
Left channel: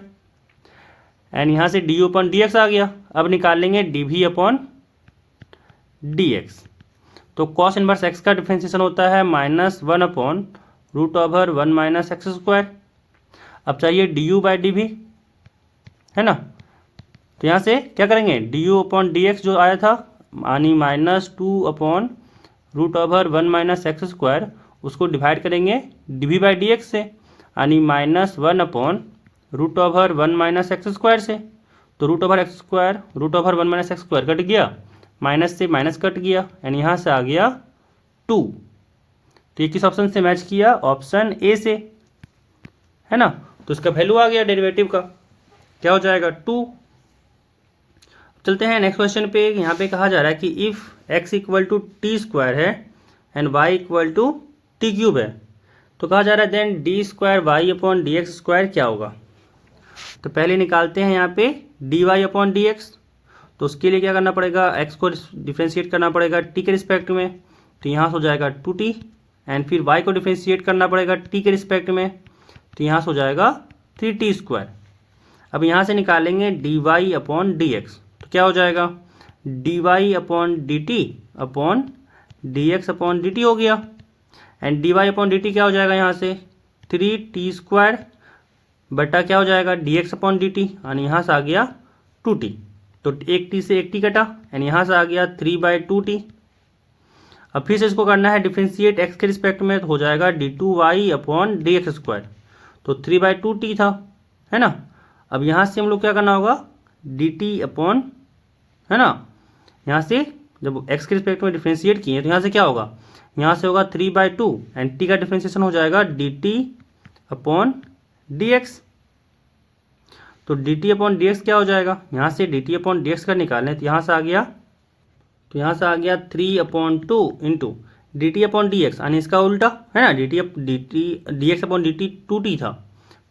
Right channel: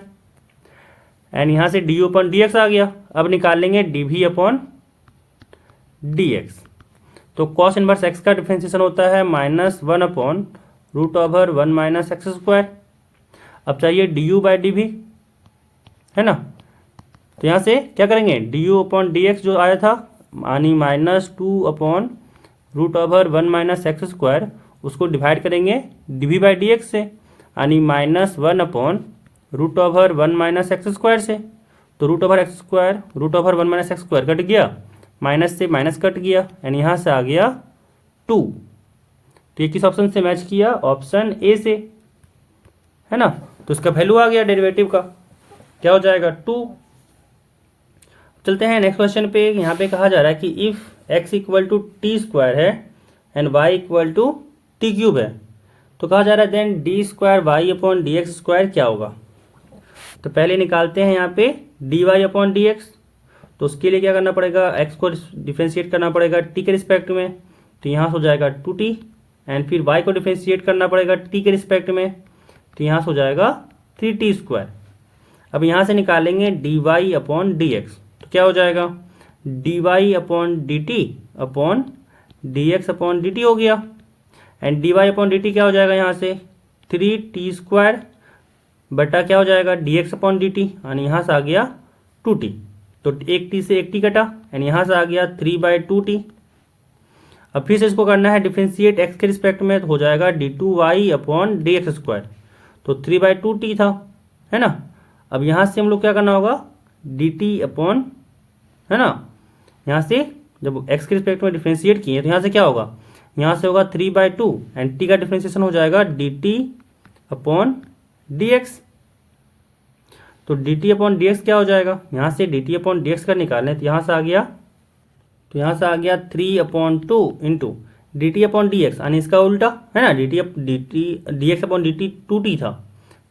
and यहाँ से डी अपॉन dx आ गया। अब निकाल लेंगे dv अपॉन dx। तो कॉस इनवर्स x का डिफ्रेंशिएशन होता है -1 upon root over 1 minus x²। अब चाहिए du बाई dv, है ना। तो यहाँ से क्या करेंगे, du अपॉन dx जो आया था यानी -2 upon root over 1 minus x², उसको डिवाइड करेंगे dv बाई dx से, यानी -1 upon root over 1 minus x² से। तो root over 1 minus x² cut गया, माइनस से माइनस कट गया, यानी यहाँ से आ गया 2। तो ये किस ऑप्शन से मैच किया, ऑप्शन ए से, है ना। तो इसका वैल्यू आ गया डेरिवेटिव का, क्या हो जाएगा 2। चलते हैं नेक्स्ट क्वेश्चन पे। यहाँ पे कहा जा रहा है कि if x equal to t² है and y equal to t³ है, तो कहा जा रहा है then d² y upon dx² क्या होगा। तो पहले निकालते हैं यहाँ पे dy अपॉन dx। तो उसके लिए क्या करना पड़ेगा, x को डिफ्रेंशिएट करना पड़ेगा t के रिस्पेक्ट में, तो यहाँ से हो जाएगा 2t, एंड फिर y को डिफ्रेंशिएट करना पड़ेगा t के रिस्पेक्ट में, तो यहाँ से हो जाएगा 3t²। अब यहाँ से निकालेंगे dy अपॉन dx, तो क्या हो जाएगा dy upon dt upon dx upon dt हो गया, एंड dy अपॉन dt क्या हो जाएगा यहाँ से 3t² बटा क्या हो जाएगा dx अपॉन dt, यानी यहाँ से आ गया 2t। तो एक t से एक t कटा, यानी यहाँ से आ गया 3/2t। अब फिर से इसको करना है डिफ्रेंशिएट x के रिस्पेक्ट में, तो हो जाएगा d2y अपॉन dx²। तो 3/2t था, है ना। अब यहाँ से हम लोग क्या करना होगा dt अपॉन, है ना, यहाँ से जब x के रिस्पेक्ट में डिफ्रेंशिएट किए तो यहाँ से क्या होगा, यहाँ से होगा 3/2, एंड t का डिफ्रेंशिएशन हो जाएगा dt अपॉन dx। तो dt अपॉन dx क्या हो जाएगा, यहाँ से dt अपॉन dx का निकालें तो यहाँ से आ गया, 3/2 इंटू dt अपॉन dx, यानी इसका उल्टा, है ना। dx अपॉन dt 2t था,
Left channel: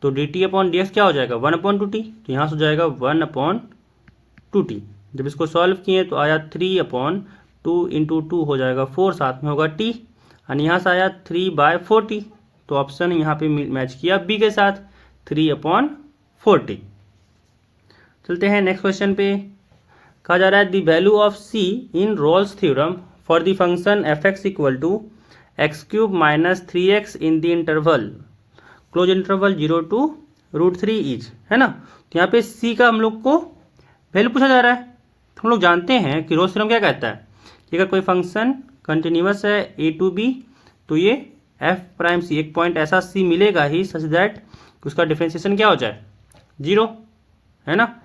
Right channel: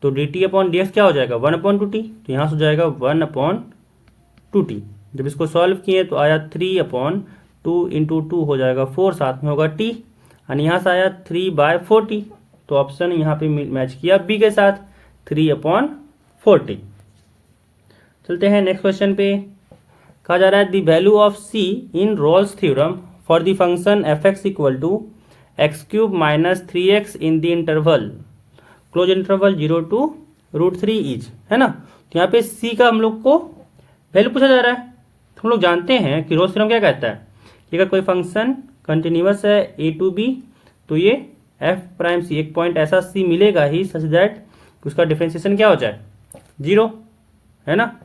तो dt अपॉन dx क्या हो जाएगा 1/2t, तो यहाँ से हो जाएगा 1/2t। जब इसको सॉल्व किए तो आया 3/2 इंटू 2 हो जाएगा 4, साथ में होगा t, यानी यहाँ से आया 3/4t। तो ऑप्शन यहाँ पे मैच किया बी के साथ, 3/40। चलते हैं नेक्स्ट क्वेश्चन पे। कहा जा रहा है the value of c in Rolle's theorem for the function f(x) equal to x³ minus 3x in the interval closed interval 0 to √3 is, है ना। तो यहाँ पे c का हम लोग को वैल्यू पूछा जा रहा है। तो हम लोग जानते हैं कि रोल्स थ्योरम क्या कहता है कि अगर कोई फंक्शन कंटिन्यूअस है a to b, तो ये f'(c) एक पॉइंट ऐसा c मिलेगा ही सच दैट उसका डिफरेंशिएशन क्या हो जाए 0, है ना।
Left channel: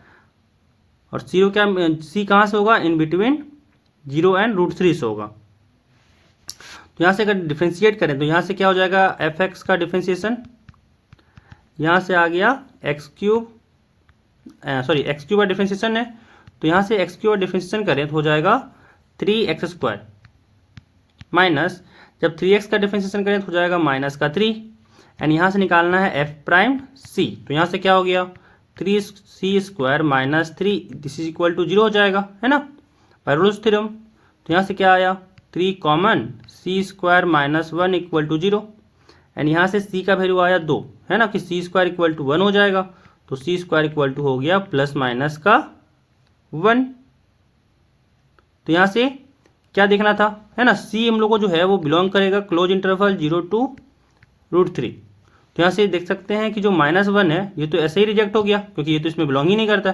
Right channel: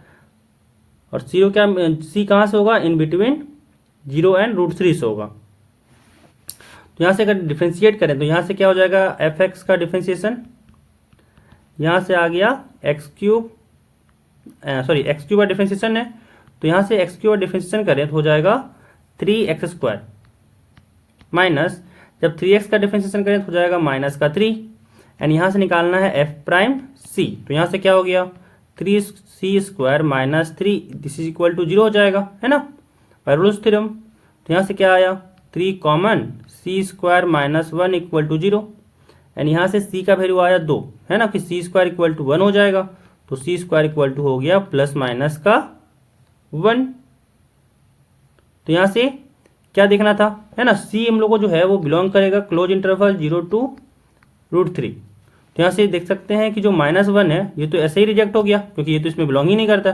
और c कहाँ से होगा, इन बिटवीन 0 एंड √3 से होगा। तो यहाँ से अगर डिफ्रेंशिएट करें तो यहाँ से क्या हो जाएगा f(x) का डिफ्रेंशिएशन, यहाँ से आ गया x³ का डिफ्रेंशिएशन है, तो यहाँ से x³ का डिफ्रेंशिएशन करें तो हो जाएगा 3x² माइनस, जब 3x का डिफ्रेंशिएशन करें तो हो जाएगा -3, एंड यहाँ से निकालना है f'(c), तो यहाँ से क्या हो गया 3c² minus 3, this is equal to 0 हो जाएगा, है ना, बाय रोल्स थ्योरम। तो यहाँ से क्या आया 3 common c² minus 1 equal to 0, and यहाँ से c का वैल्यू आया 2, है ना, कि c² इक्वल टू 1 हो जाएगा, तो c² इक्वल टू हो गया प्लस माइनस का 1। तो यहाँ से क्या देखना था, है ना, c हम लोग को जो है वो बिलोंग करेगा क्लोज इंटरवल 0 to √3। तो यहाँ से देख सकते हैं कि जो -1 है ये तो ऐसे ही रिजेक्ट हो गया क्योंकि ये तो इसमें बिलोंग ही नहीं करता।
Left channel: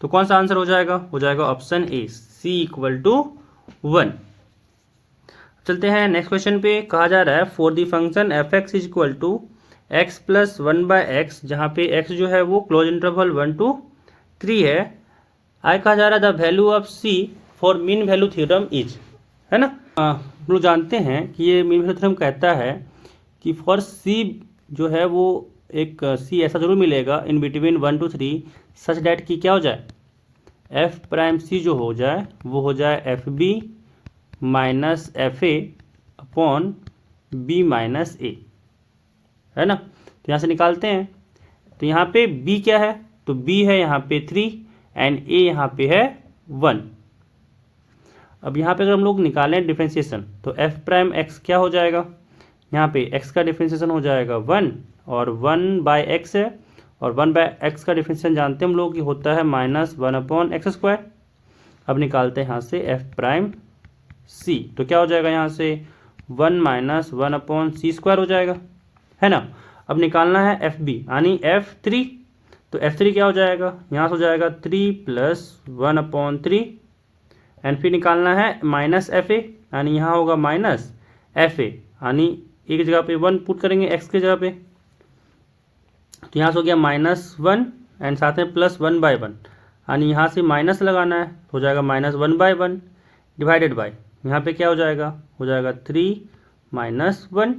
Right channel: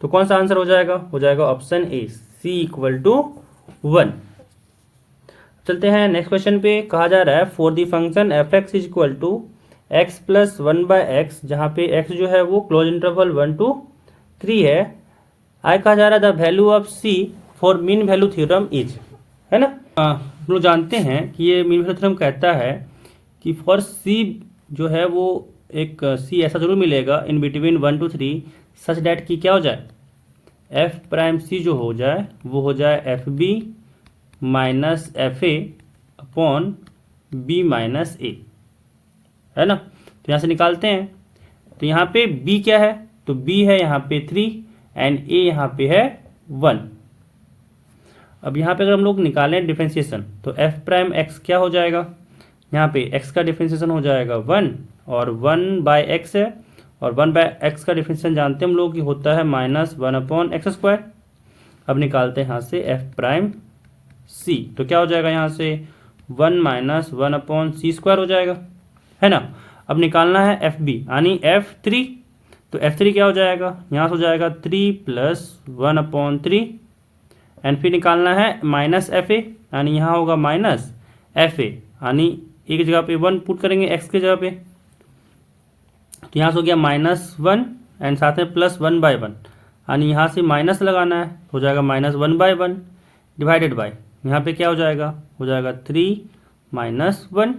तो कौन सा आंसर हो जाएगा option A, c equal to 1। चलते हैं नेक्स्ट क्वेश्चन पे। कहा जा रहा है for the function f(x) is equal to x plus 1/x, जहाँ पे x जो है वो क्लोज इंटरवल 1 to 3 है। आगे कहा जा रहा है the value of c for mean value theorem is, है ना। हम लोग जानते हैं कि ये मीन वैल्यू थ्योरम कहता है कि फॉर c जो है वो एक c ऐसा जरूर मिलेगा in between 1 to 3 such that की क्या हो जाए, एफ प्राइम सी जो हो जाए वो हो जाए f b minus f a upon b minus a, है ना। तो यहाँ से निकालते हैं। तो यहाँ पे b क्या है, तो b है यहाँ पे 3 एंड a यहाँ पे है 1। अब यहाँ पे अगर हम लोग निकालें डिफ्रेंशिएशन तो f प्राइम x क्या हो जाएगा, यहाँ पे x का डिफ्रेंशिएशन हो जाएगा 1 और 1/x है, और 1/x का डिफ्रेंशिएशन जानते हैं हम लोग कि होता है -1/x²। अब निकालते हैं यहाँ से f प्राइम c, तो क्या हो जाएगा यहाँ से 1 - 1/c² हो जाएगा, है ना। अब निकालना है एफ बी यानी f3, तो f3 क्या हो जाएगा, यहाँ से हो जाएगा 3 + 1/3 एंड फिर निकालना है माइनस एफ ए यानी यहाँ होगा माइनस एफ ए यानी एक जगह पे 1 पुट करेंगे x की जगह पे, तो यहाँ से हो गया -1 एंड साथ में +1/1 यानी यहाँ से माइनस लगाना है, हो जाएगा -1/1 डिवाइडेड बाय यहाँ पे क्या हो जाएगा 3 - 1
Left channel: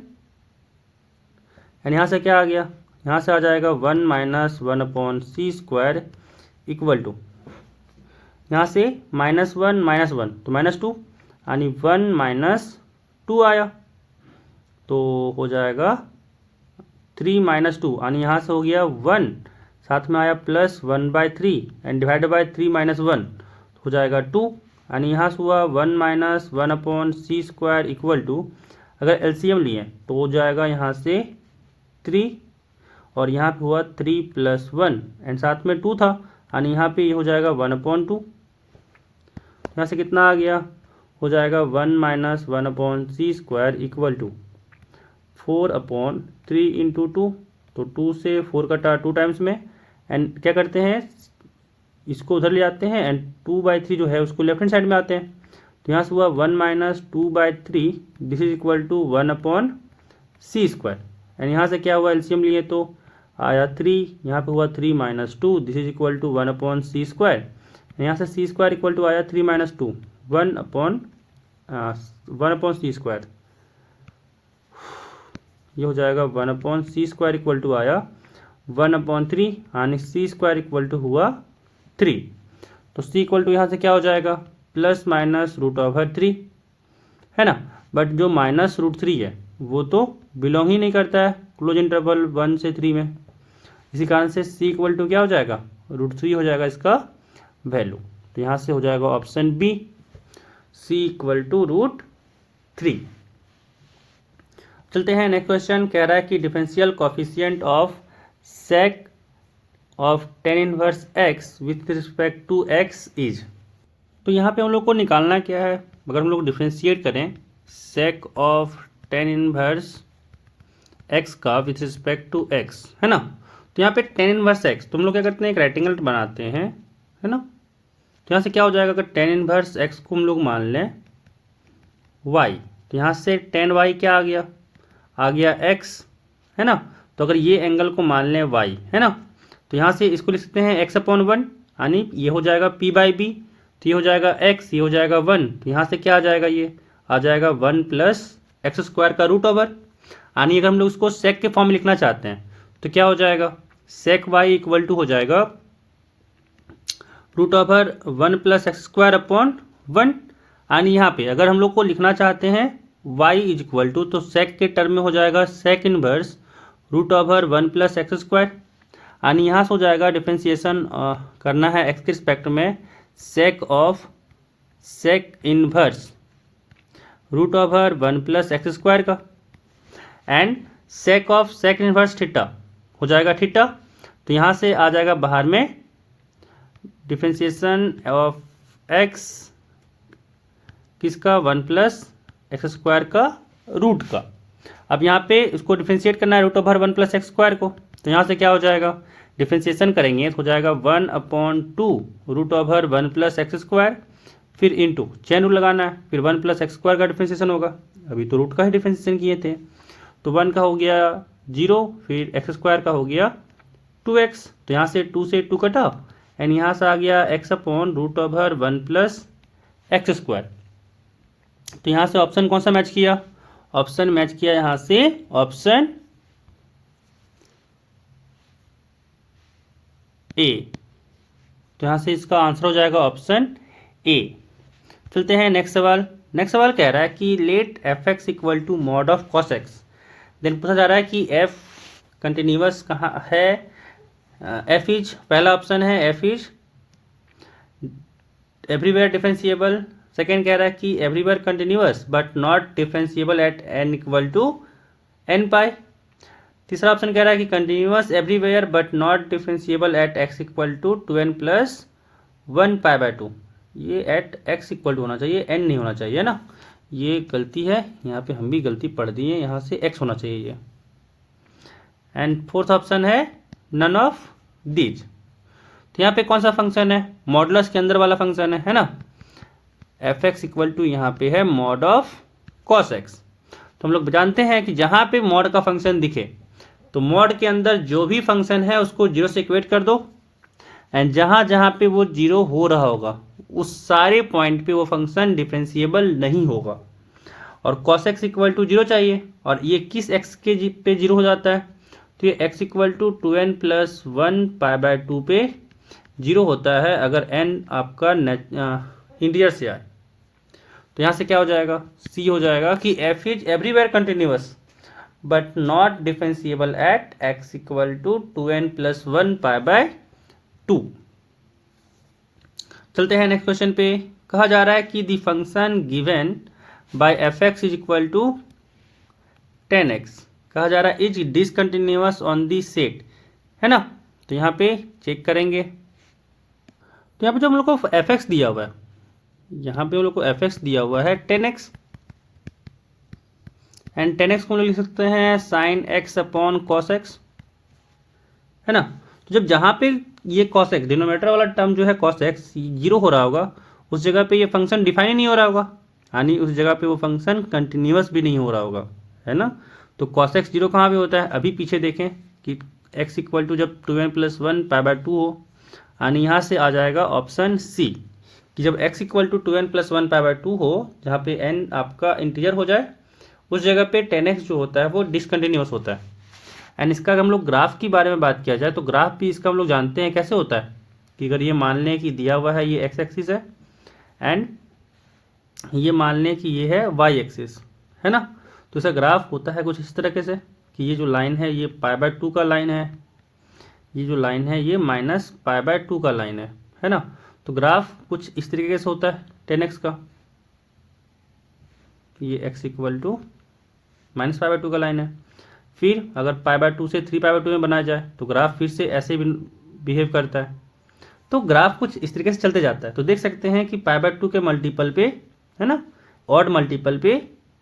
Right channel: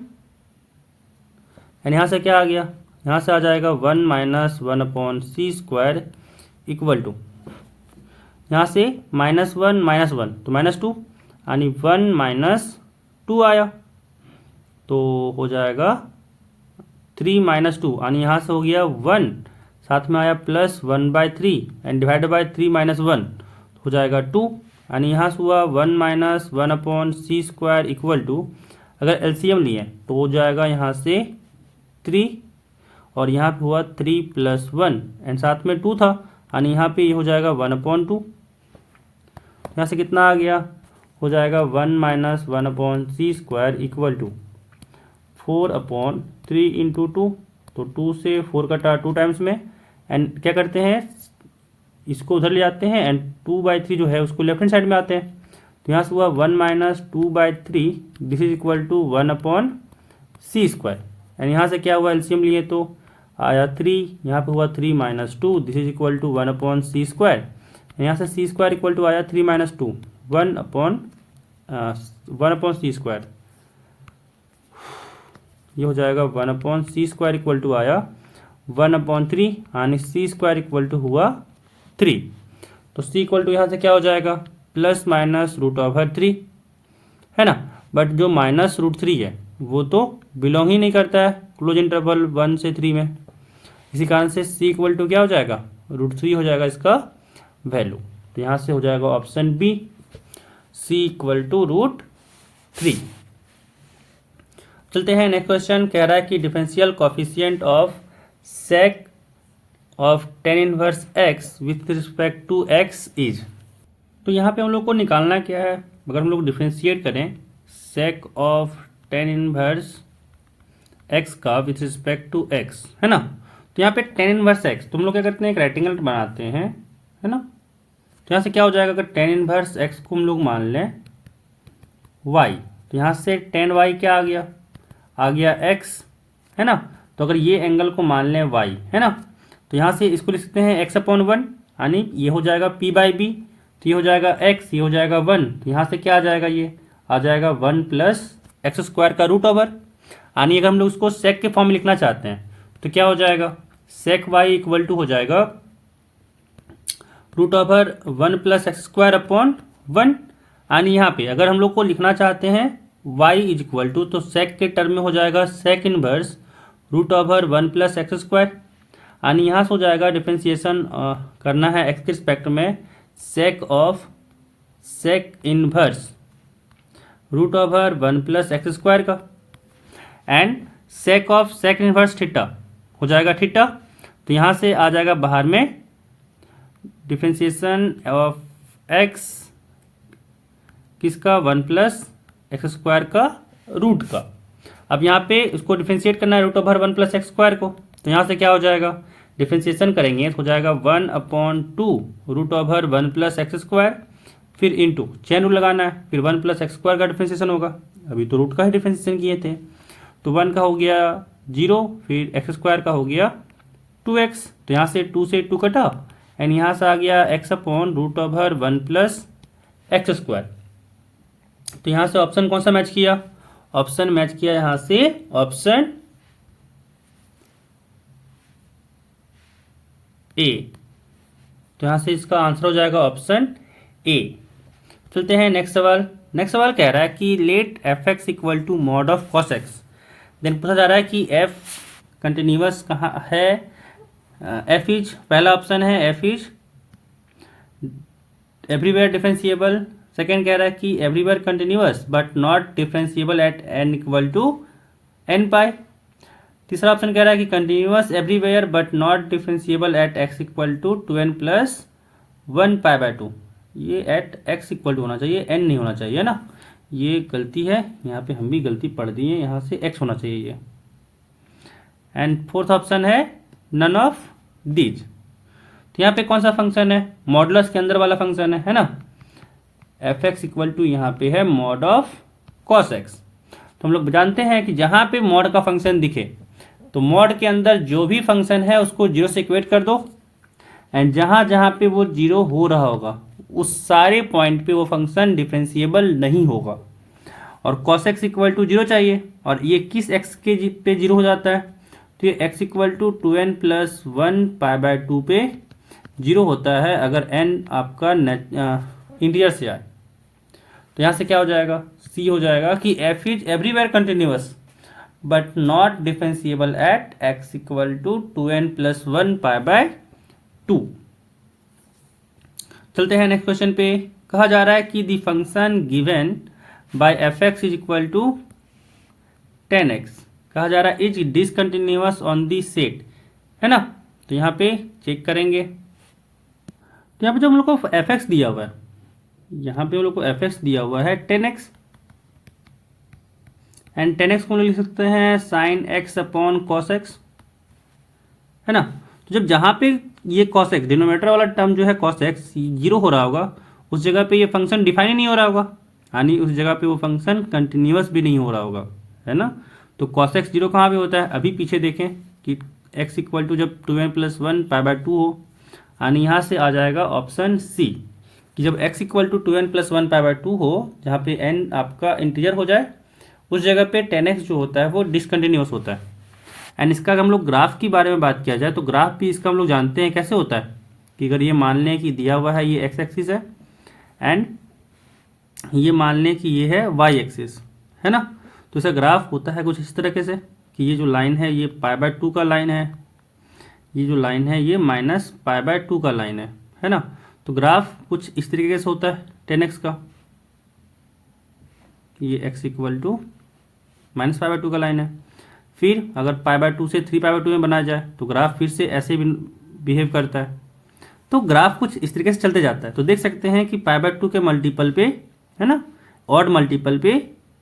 एंड यहाँ से क्या आ गया, यहाँ से आ जाएगा 1 - 1/c² इक्वल टू यहाँ से -1 - 1 तो -2 यानी 1 - 2 आया, तो हो जाएगा 3 - 2 यानी यहाँ से हो गया 1 साथ में आया +1/3 एंड डिवाइडेड बाय 3 - 1 हो जाएगा 2 यानी यहाँ से हुआ 1 - 1/c² इक्वल टू अगर एलसीएम लिए तो हो जाएगा यहाँ से 3 और यहाँ पे हुआ 3 + 1 एंड साथ में 2 था यानी यहाँ पे ये हो जाएगा 1/2। यहाँ से कितना आ गया, हो जाएगा 1 - 1/c² इक्वल टू 4/3 × 2, तो 2 से 4 कटा 2 टाइम्स में एंड क्या करते हैं इसको उधर ले जाते हैं एंड 2/3 जो है उसको लेफ्ट हैंड साइड में आते हैं, तो यहाँ से हुआ 1 - 2/3 this is equal to 1/c² and यहाँ से क्या हुआ एलसीएम लिए तो आया 3, यहाँ पे हुआ 3 - 2 this is equal to 1/c², यहाँ से c² इक्वल टू आया 3 - 2 1/c², ये हो जाएगा 1/c² इक्वल टू आया 1/3 यानी c² इक्वल टू हुआ 3, तो c इक्वल टू यहाँ से क्या हो जाएगा ±√3, है ना। बट जो -√3 है वो तो बिलोंग ही नहीं करता है क्लोज इंटरवल 1 से 3 में, इसी कारण से c इक्वल टू क्या हो जाएगा √3 हो जाएगा इसका वैल्यू, तो यहाँ से हो जाएगा option B c equal to √3। चलते हैं नेक्स्ट क्वेश्चन, कह रहा है कि differential coefficient of sec of tan inverse x with respect to x is, तो यहाँ पे हम लोग को निकालना क्या है, अगर हम लोग डिफरेंशिएट करें सेक ऑफ tan इनवर्स x का विथ रिस्पेक्ट टू x, है ना। तो यहाँ पे tan इनवर्स x तो हम लोग क्या करते हैं एक रेक्टेंगल बनाते हैं, है ना। तो यहाँ से क्या हो जाएगा अगर tan इनवर्स x को हम लोग मान लें y, तो यहाँ से tan y क्या आ गया x, है ना। तो अगर ये एंगल को मान लें y, है ना, तो यहाँ से इसको लिख सकते हैं x/1 यानी ये हो जाएगा p/b, तो ये हो जाएगा x, ये हो जाएगा 1, तो यहाँ से क्या आ जाएगा, ये आ जाएगा 1 + x² का रूट ओवर, यानी अगर हम लोग उसको सेक के फॉर्म में लिखना चाहते हैं तो क्या हो जाएगा सेक y इक्वल टू हो जाएगा √1 + x²/1, यानी यहाँ पे अगर हम लोग को लिखना चाहते हैं y इज इक्वल टू तो सेक के टर्म में हो जाएगा सेक इनवर्स √1 + x², यानी यहाँ से हो जाएगा डिफरेंशिएशन करना है x के रिस्पेक्ट में सेक ऑफ सेक इनवर्स √1 + x² का and sec of sec inverse theta हो जाएगा थीटा, तो यहाँ से आ जाएगा बाहर में डिफरेंशिएशन ऑफ x किसका 1 + x² का रूट का। अब यहाँ पे इसको डिफरेंशिएट करना है √1 + x² को, तो यहाँ से क्या हो जाएगा डिफरेंशिएशन करेंगे तो हो जाएगा 1/2 √1 + x², फिर इंटू चेन रूल लगाना है, फिर 1 + x² का डिफरेंशिएशन होगा, अभी तो रूट का ही डिफरेंशिएशन किए थे, तो 1 का हो गया 0, फिर x² का हो गया 2x, तो यहाँ से 2 से 2 कटा एंड यहाँ से आ गया x/√1 + x², तो यहाँ से ऑप्शन कौन सा मैच किया, ऑप्शन मैच किया यहाँ से ऑप्शन ए तो यहाँ से इसका आंसर हो जाएगा ऑप्शन ए। चलते हैं नेक्स्ट सवाल। नेक्स्ट सवाल कह रहा है कि let f x equal to mod of cos x. Then पूछा जा रहा है कि एफ कंटिन्यूअस कहाँ है। एफ इज, पहला ऑप्शन है f is everywhere differentiable. Second कह रहा है कि everywhere continuous but not differentiable at n equal to n pi. तीसरा ऑप्शन कह रहा है कि continuous everywhere but not differentiable at x equal to 2n plus 1 pi by 2। ये एट एक्स इक्वल टू होना चाहिए, एन नहीं होना चाहिए ना, ये गलती है, यहाँ पे हम भी गलती पढ़ दिए, यहाँ से एक्स होना चाहिए ये। एंड फोर्थ ऑप्शन है नन ऑफ दीज। तो यहाँ पे कौन सा फंक्शन है, मॉडुलस के अंदर वाला फंक्शन है ना। एफ एक्स इक्वल टू यहाँ पे है मॉड ऑफ कॉस एक्स। तो हम लोग जानते हैं कि जहां पे मॉड का फंक्शन दिखे तो मॉड के अंदर जो भी फंक्शन है उसको जीरो से इक्वेट कर दो, एंड जहां जहां पे वो जीरो हो रहा होगा उस सारे पॉइंट पे वो फंक्शन डिफरेंशिएबल नहीं होगा। और cos x equal to zero चाहिए, और ये किस एक्स के पे जीरो हो जाता है, तो ये x equal to 2n plus 1 pi by 2 पे जीरो होता है अगर n आपका इंटीजर से आए। तो यहाँ से क्या हो जाएगा, सी हो जाएगा कि f is everywhere continuous but not differentiable at x equal to 2n plus 1 pi by 2। चलते हैं नेक्स्ट क्वेश्चन पे। कहा जा रहा है कि the function given by f x is equal to 10x। कहा जा रहा है is discontinuous on the set, है ना। तो यहाँ पे चेक करेंगे, तो यहाँ पे जो हम लोग को एफ एक्स दिया हुआ है, यहाँ पे हम लोग को एफ एक्स दिया हुआ है 10x, एंड 10x को हम लोग लिख सकते हैं sign x upon cos x, है ना। तो जब जहाँ पे ये कॉस एक्स डिनोमिनेटर वाला टर्म जो है कॉस एक्स जीरो हो रहा होगा उस जगह पे ये फंक्शन डिफाइन ही नहीं हो रहा होगा, यानी उस जगह पे वो फंक्शन कंटिन्यूअस भी नहीं हो रहा होगा, है ना। तो कॉस एक्स जीरो कहाँ पे होता है, अभी पीछे देखें कि एक्स इक्वल टू जब 2n प्लस 1 पाई बाय 2 हो, यानी यहाँ से आ जाएगा ऑप्शन सी कि जब x equal to 2n plus 1 pi by 2 हो, जहाँ पे n आपका इंटीजर हो जाए, उस जगह पे 10x जो होता है वो डिसकंटिन्यूअस होता है। एंड इसका अगर हम लोग ग्राफ के बारे में बात किया जाए तो ग्राफ भी इसका हम लोग जानते हैं कैसे होता है कि अगर ये मान लें कि दिया हुआ है ये एक्स एक्सिस है एंड ये मान लें कि ये है वाई एक्सिस, है ना। तो इसका ग्राफ होता है कुछ इस तरीके से कि ये जो लाइन है ये पाई बाय 2 का लाइन है, ये जो लाइन है ये माइनस पाई बाय 2 का लाइन है ना। तो ग्राफ कुछ इस तरीके से होता है 10x का, ये x equal to minus pi by 2 का लाइन है। फिर अगर पाई बाय 2 से 3 पाई बाय 2 में बनाया जाए तो ग्राफ फिर से ऐसे बिहेव करता है। तो ग्राफ कुछ इस तरीके से चलते जाता है। तो देख सकते हैं कि पाई बाय 2 के मल्टीपल पे, है ना, ऑड मल्टीपल पे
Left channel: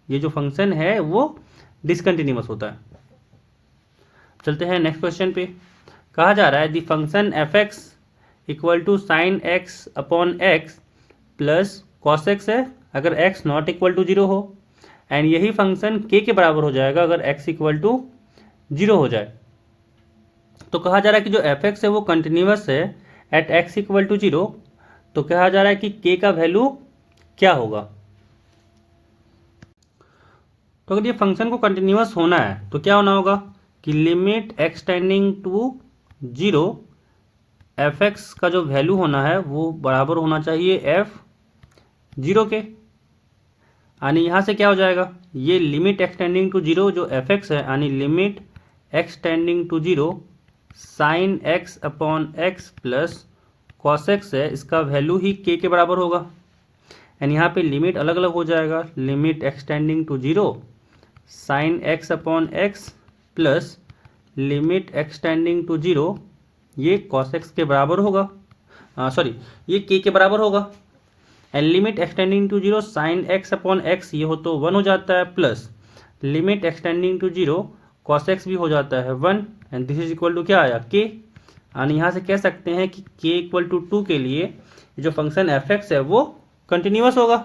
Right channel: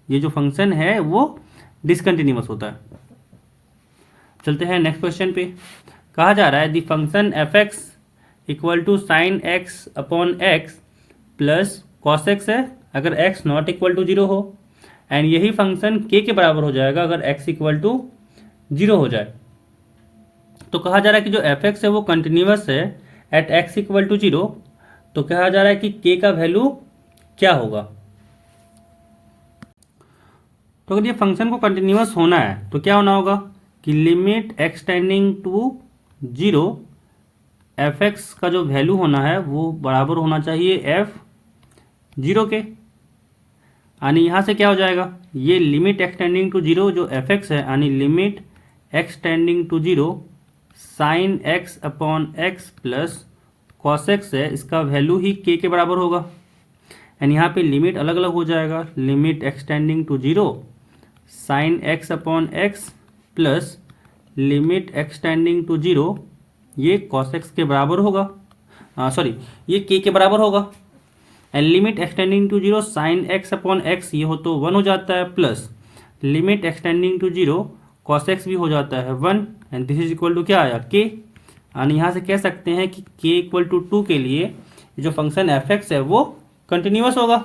ये जो फंक्शन है वो डिसकंटिन्यूअस होता है। चलते हैं नेक्स्ट क्वेश्चन पे। कहा जा रहा है the function f x equal to sine x upon x plus cos x है अगर x not equal to zero हो, एंड यही फंक्शन के बराबर हो जाएगा अगर एक्स इक्वल टू जीरो हो जाए। तो कहा जा रहा है कि जो एफ एक्स है वो कंटिन्यूअस है at x equal to zero. तो कहा जा रहा है कि के का वैल्यू क्या होगा। तो अगर ये फंक्शन को कंटिन्यूअस होना है तो क्या होना होगा कि limit x tending to zero f x का जो वैल्यू होना है वो बराबर होना चाहिए एफ जीरो के, यानी यहाँ से क्या हो जाएगा, ये लिमिट एक्सटेंडिंग टू जीरो जो एफ एक्स है, यानी limit x tending to zero sine x upon x plus cos x है, इसका वैल्यू ही के बराबर होगा। एंड यहाँ पे लिमिट अलग अलग हो जाएगा, limit x tending to zero sine x upon x plus limit x tending to zero ये कॉस एक्स के बराबर होगा, सॉरी ये के बराबर होगा। And limit x tending to zero sine x upon x ये हो तो 1 हो जाता है, plus limit x tending to zero cos x भी हो जाता है 1, and this is equal to क्या आया के। यानी यहाँ से कह सकते हैं कि के इक्वल टू 2 के लिए जो फंक्शन एफ एक्स है वो कंटिन्यूअस होगा।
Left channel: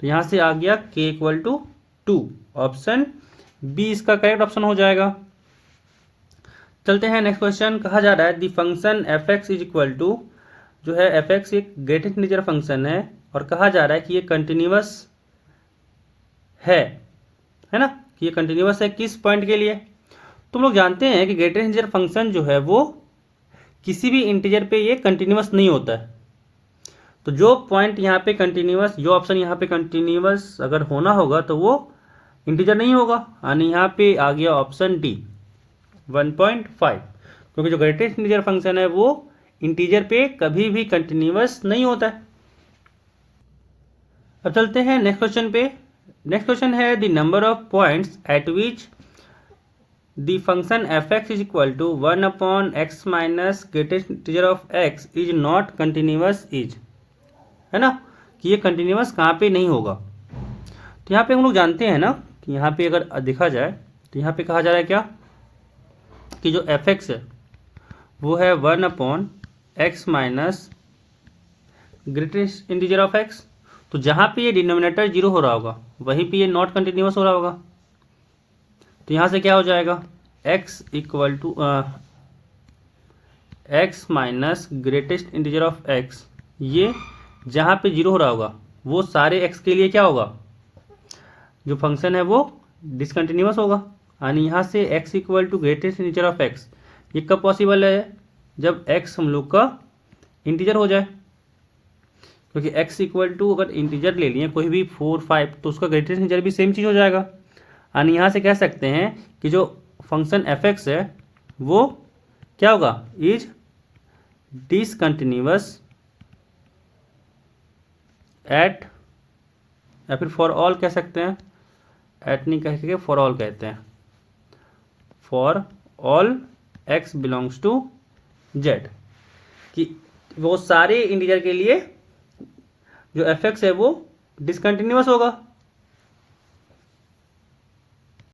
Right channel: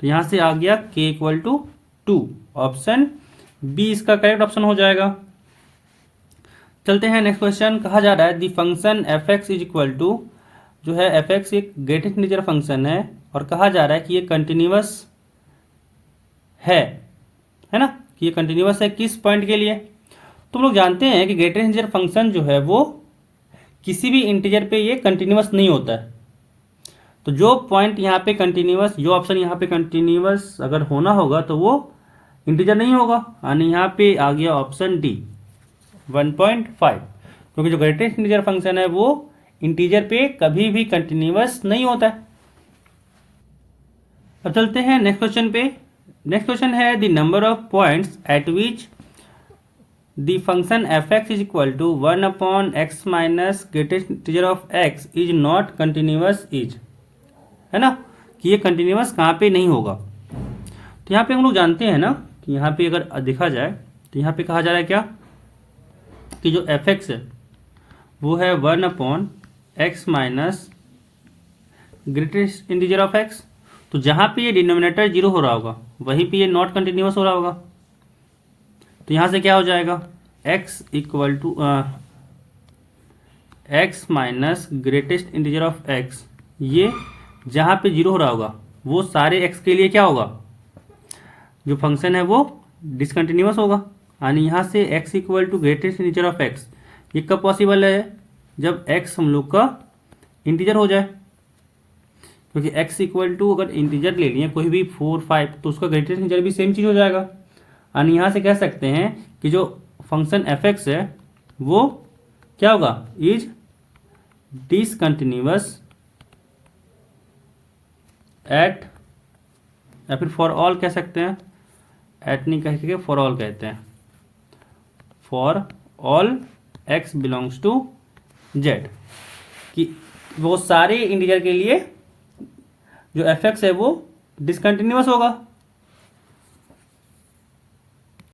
तो यहाँ से आ गया के इक्वल टू 2, ऑप्शन बी इसका करेक्ट ऑप्शन हो जाएगा। चलते हैं नेक्स्ट क्वेश्चन। कहा जा रहा है the function f x is equal to, जो है एफ एक्स एक ग्रेटेस्ट इंटीजर फंक्शन है और कहा जा रहा है कि ये कंटिन्यूअस है ना, कि ये कंटिन्यूअस है किस पॉइंट के लिए। तो हम लोग जानते हैं कि ग्रेटेस्ट इंटीजर फंक्शन जो है वो किसी भी इंटीजर पे ये कंटिन्यूअस नहीं होता है। तो जो पॉइंट यहाँ पे कंटिन्यूअस, जो ऑप्शन यहाँ पे कंटिन्यूअस अगर होना होगा तो वो इंटीजर नहीं होगा, यानी यहाँ पे आ गया ऑप्शन डी 1.5, क्योंकि जो ग्रेटेस्ट इंटीजर फंक्शन है वो इंटीजर पे कभी भी कंटिन्यूअस नहीं होता है। अब चलते हैं नेक्स्ट क्वेश्चन पे। नेक्स्ट क्वेश्चन है the number of points at which the function f x is equal to 1/x minus greatest integer of x is not continuous is, है ना, कि ये कंटिन्यूअस कहाँ पे नहीं होगा। तो यहाँ पे हम लोग जानते हैं ना कि यहाँ पे अगर देखा जाए तो यहाँ पे कहा जा रहा है क्या कि जो एफ एक्स है वो है 1/x minus greatest integer of x। तो जहाँ पे ये डिनोमिनेटर जीरो हो रहा होगा वहीं पे ये नॉट कंटिन्यूअस हो रहा होगा। तो यहाँ से क्या हो जाएगा, x equal to x minus greatest integer of x, ये जहाँ पे जीरो हो रहा होगा वो सारे x के लिए क्या होगा, जो फंक्शन है वो डिसकंटिन्यूअस होगा। यानी यहाँ से x equal to greatest integer of x, ये कब पॉसिबल है, जब x हम लोग का इंटीजर हो जाए। क्योंकि x इक्वल टू अगर इंटीजर ले लिए कोई भी 4, 5, तो उसका ग्रेटेस्ट इंटीजर भी सेम चीज़ हो जाएगा। यानी यहाँ से कह सकते हैं कि जो फंक्शन एफ एक्स है वो क्या होगा, इज डिसकंटिन्यूअस एट, या फिर फॉर ऑल कह सकते हैं, एट नहीं कह के फॉर ऑल कहते हैं, for all x belongs to z, कि वो सारे इंटीजर के लिए जो एफ एक्स है वो डिसकंटिन्यूअस होगा।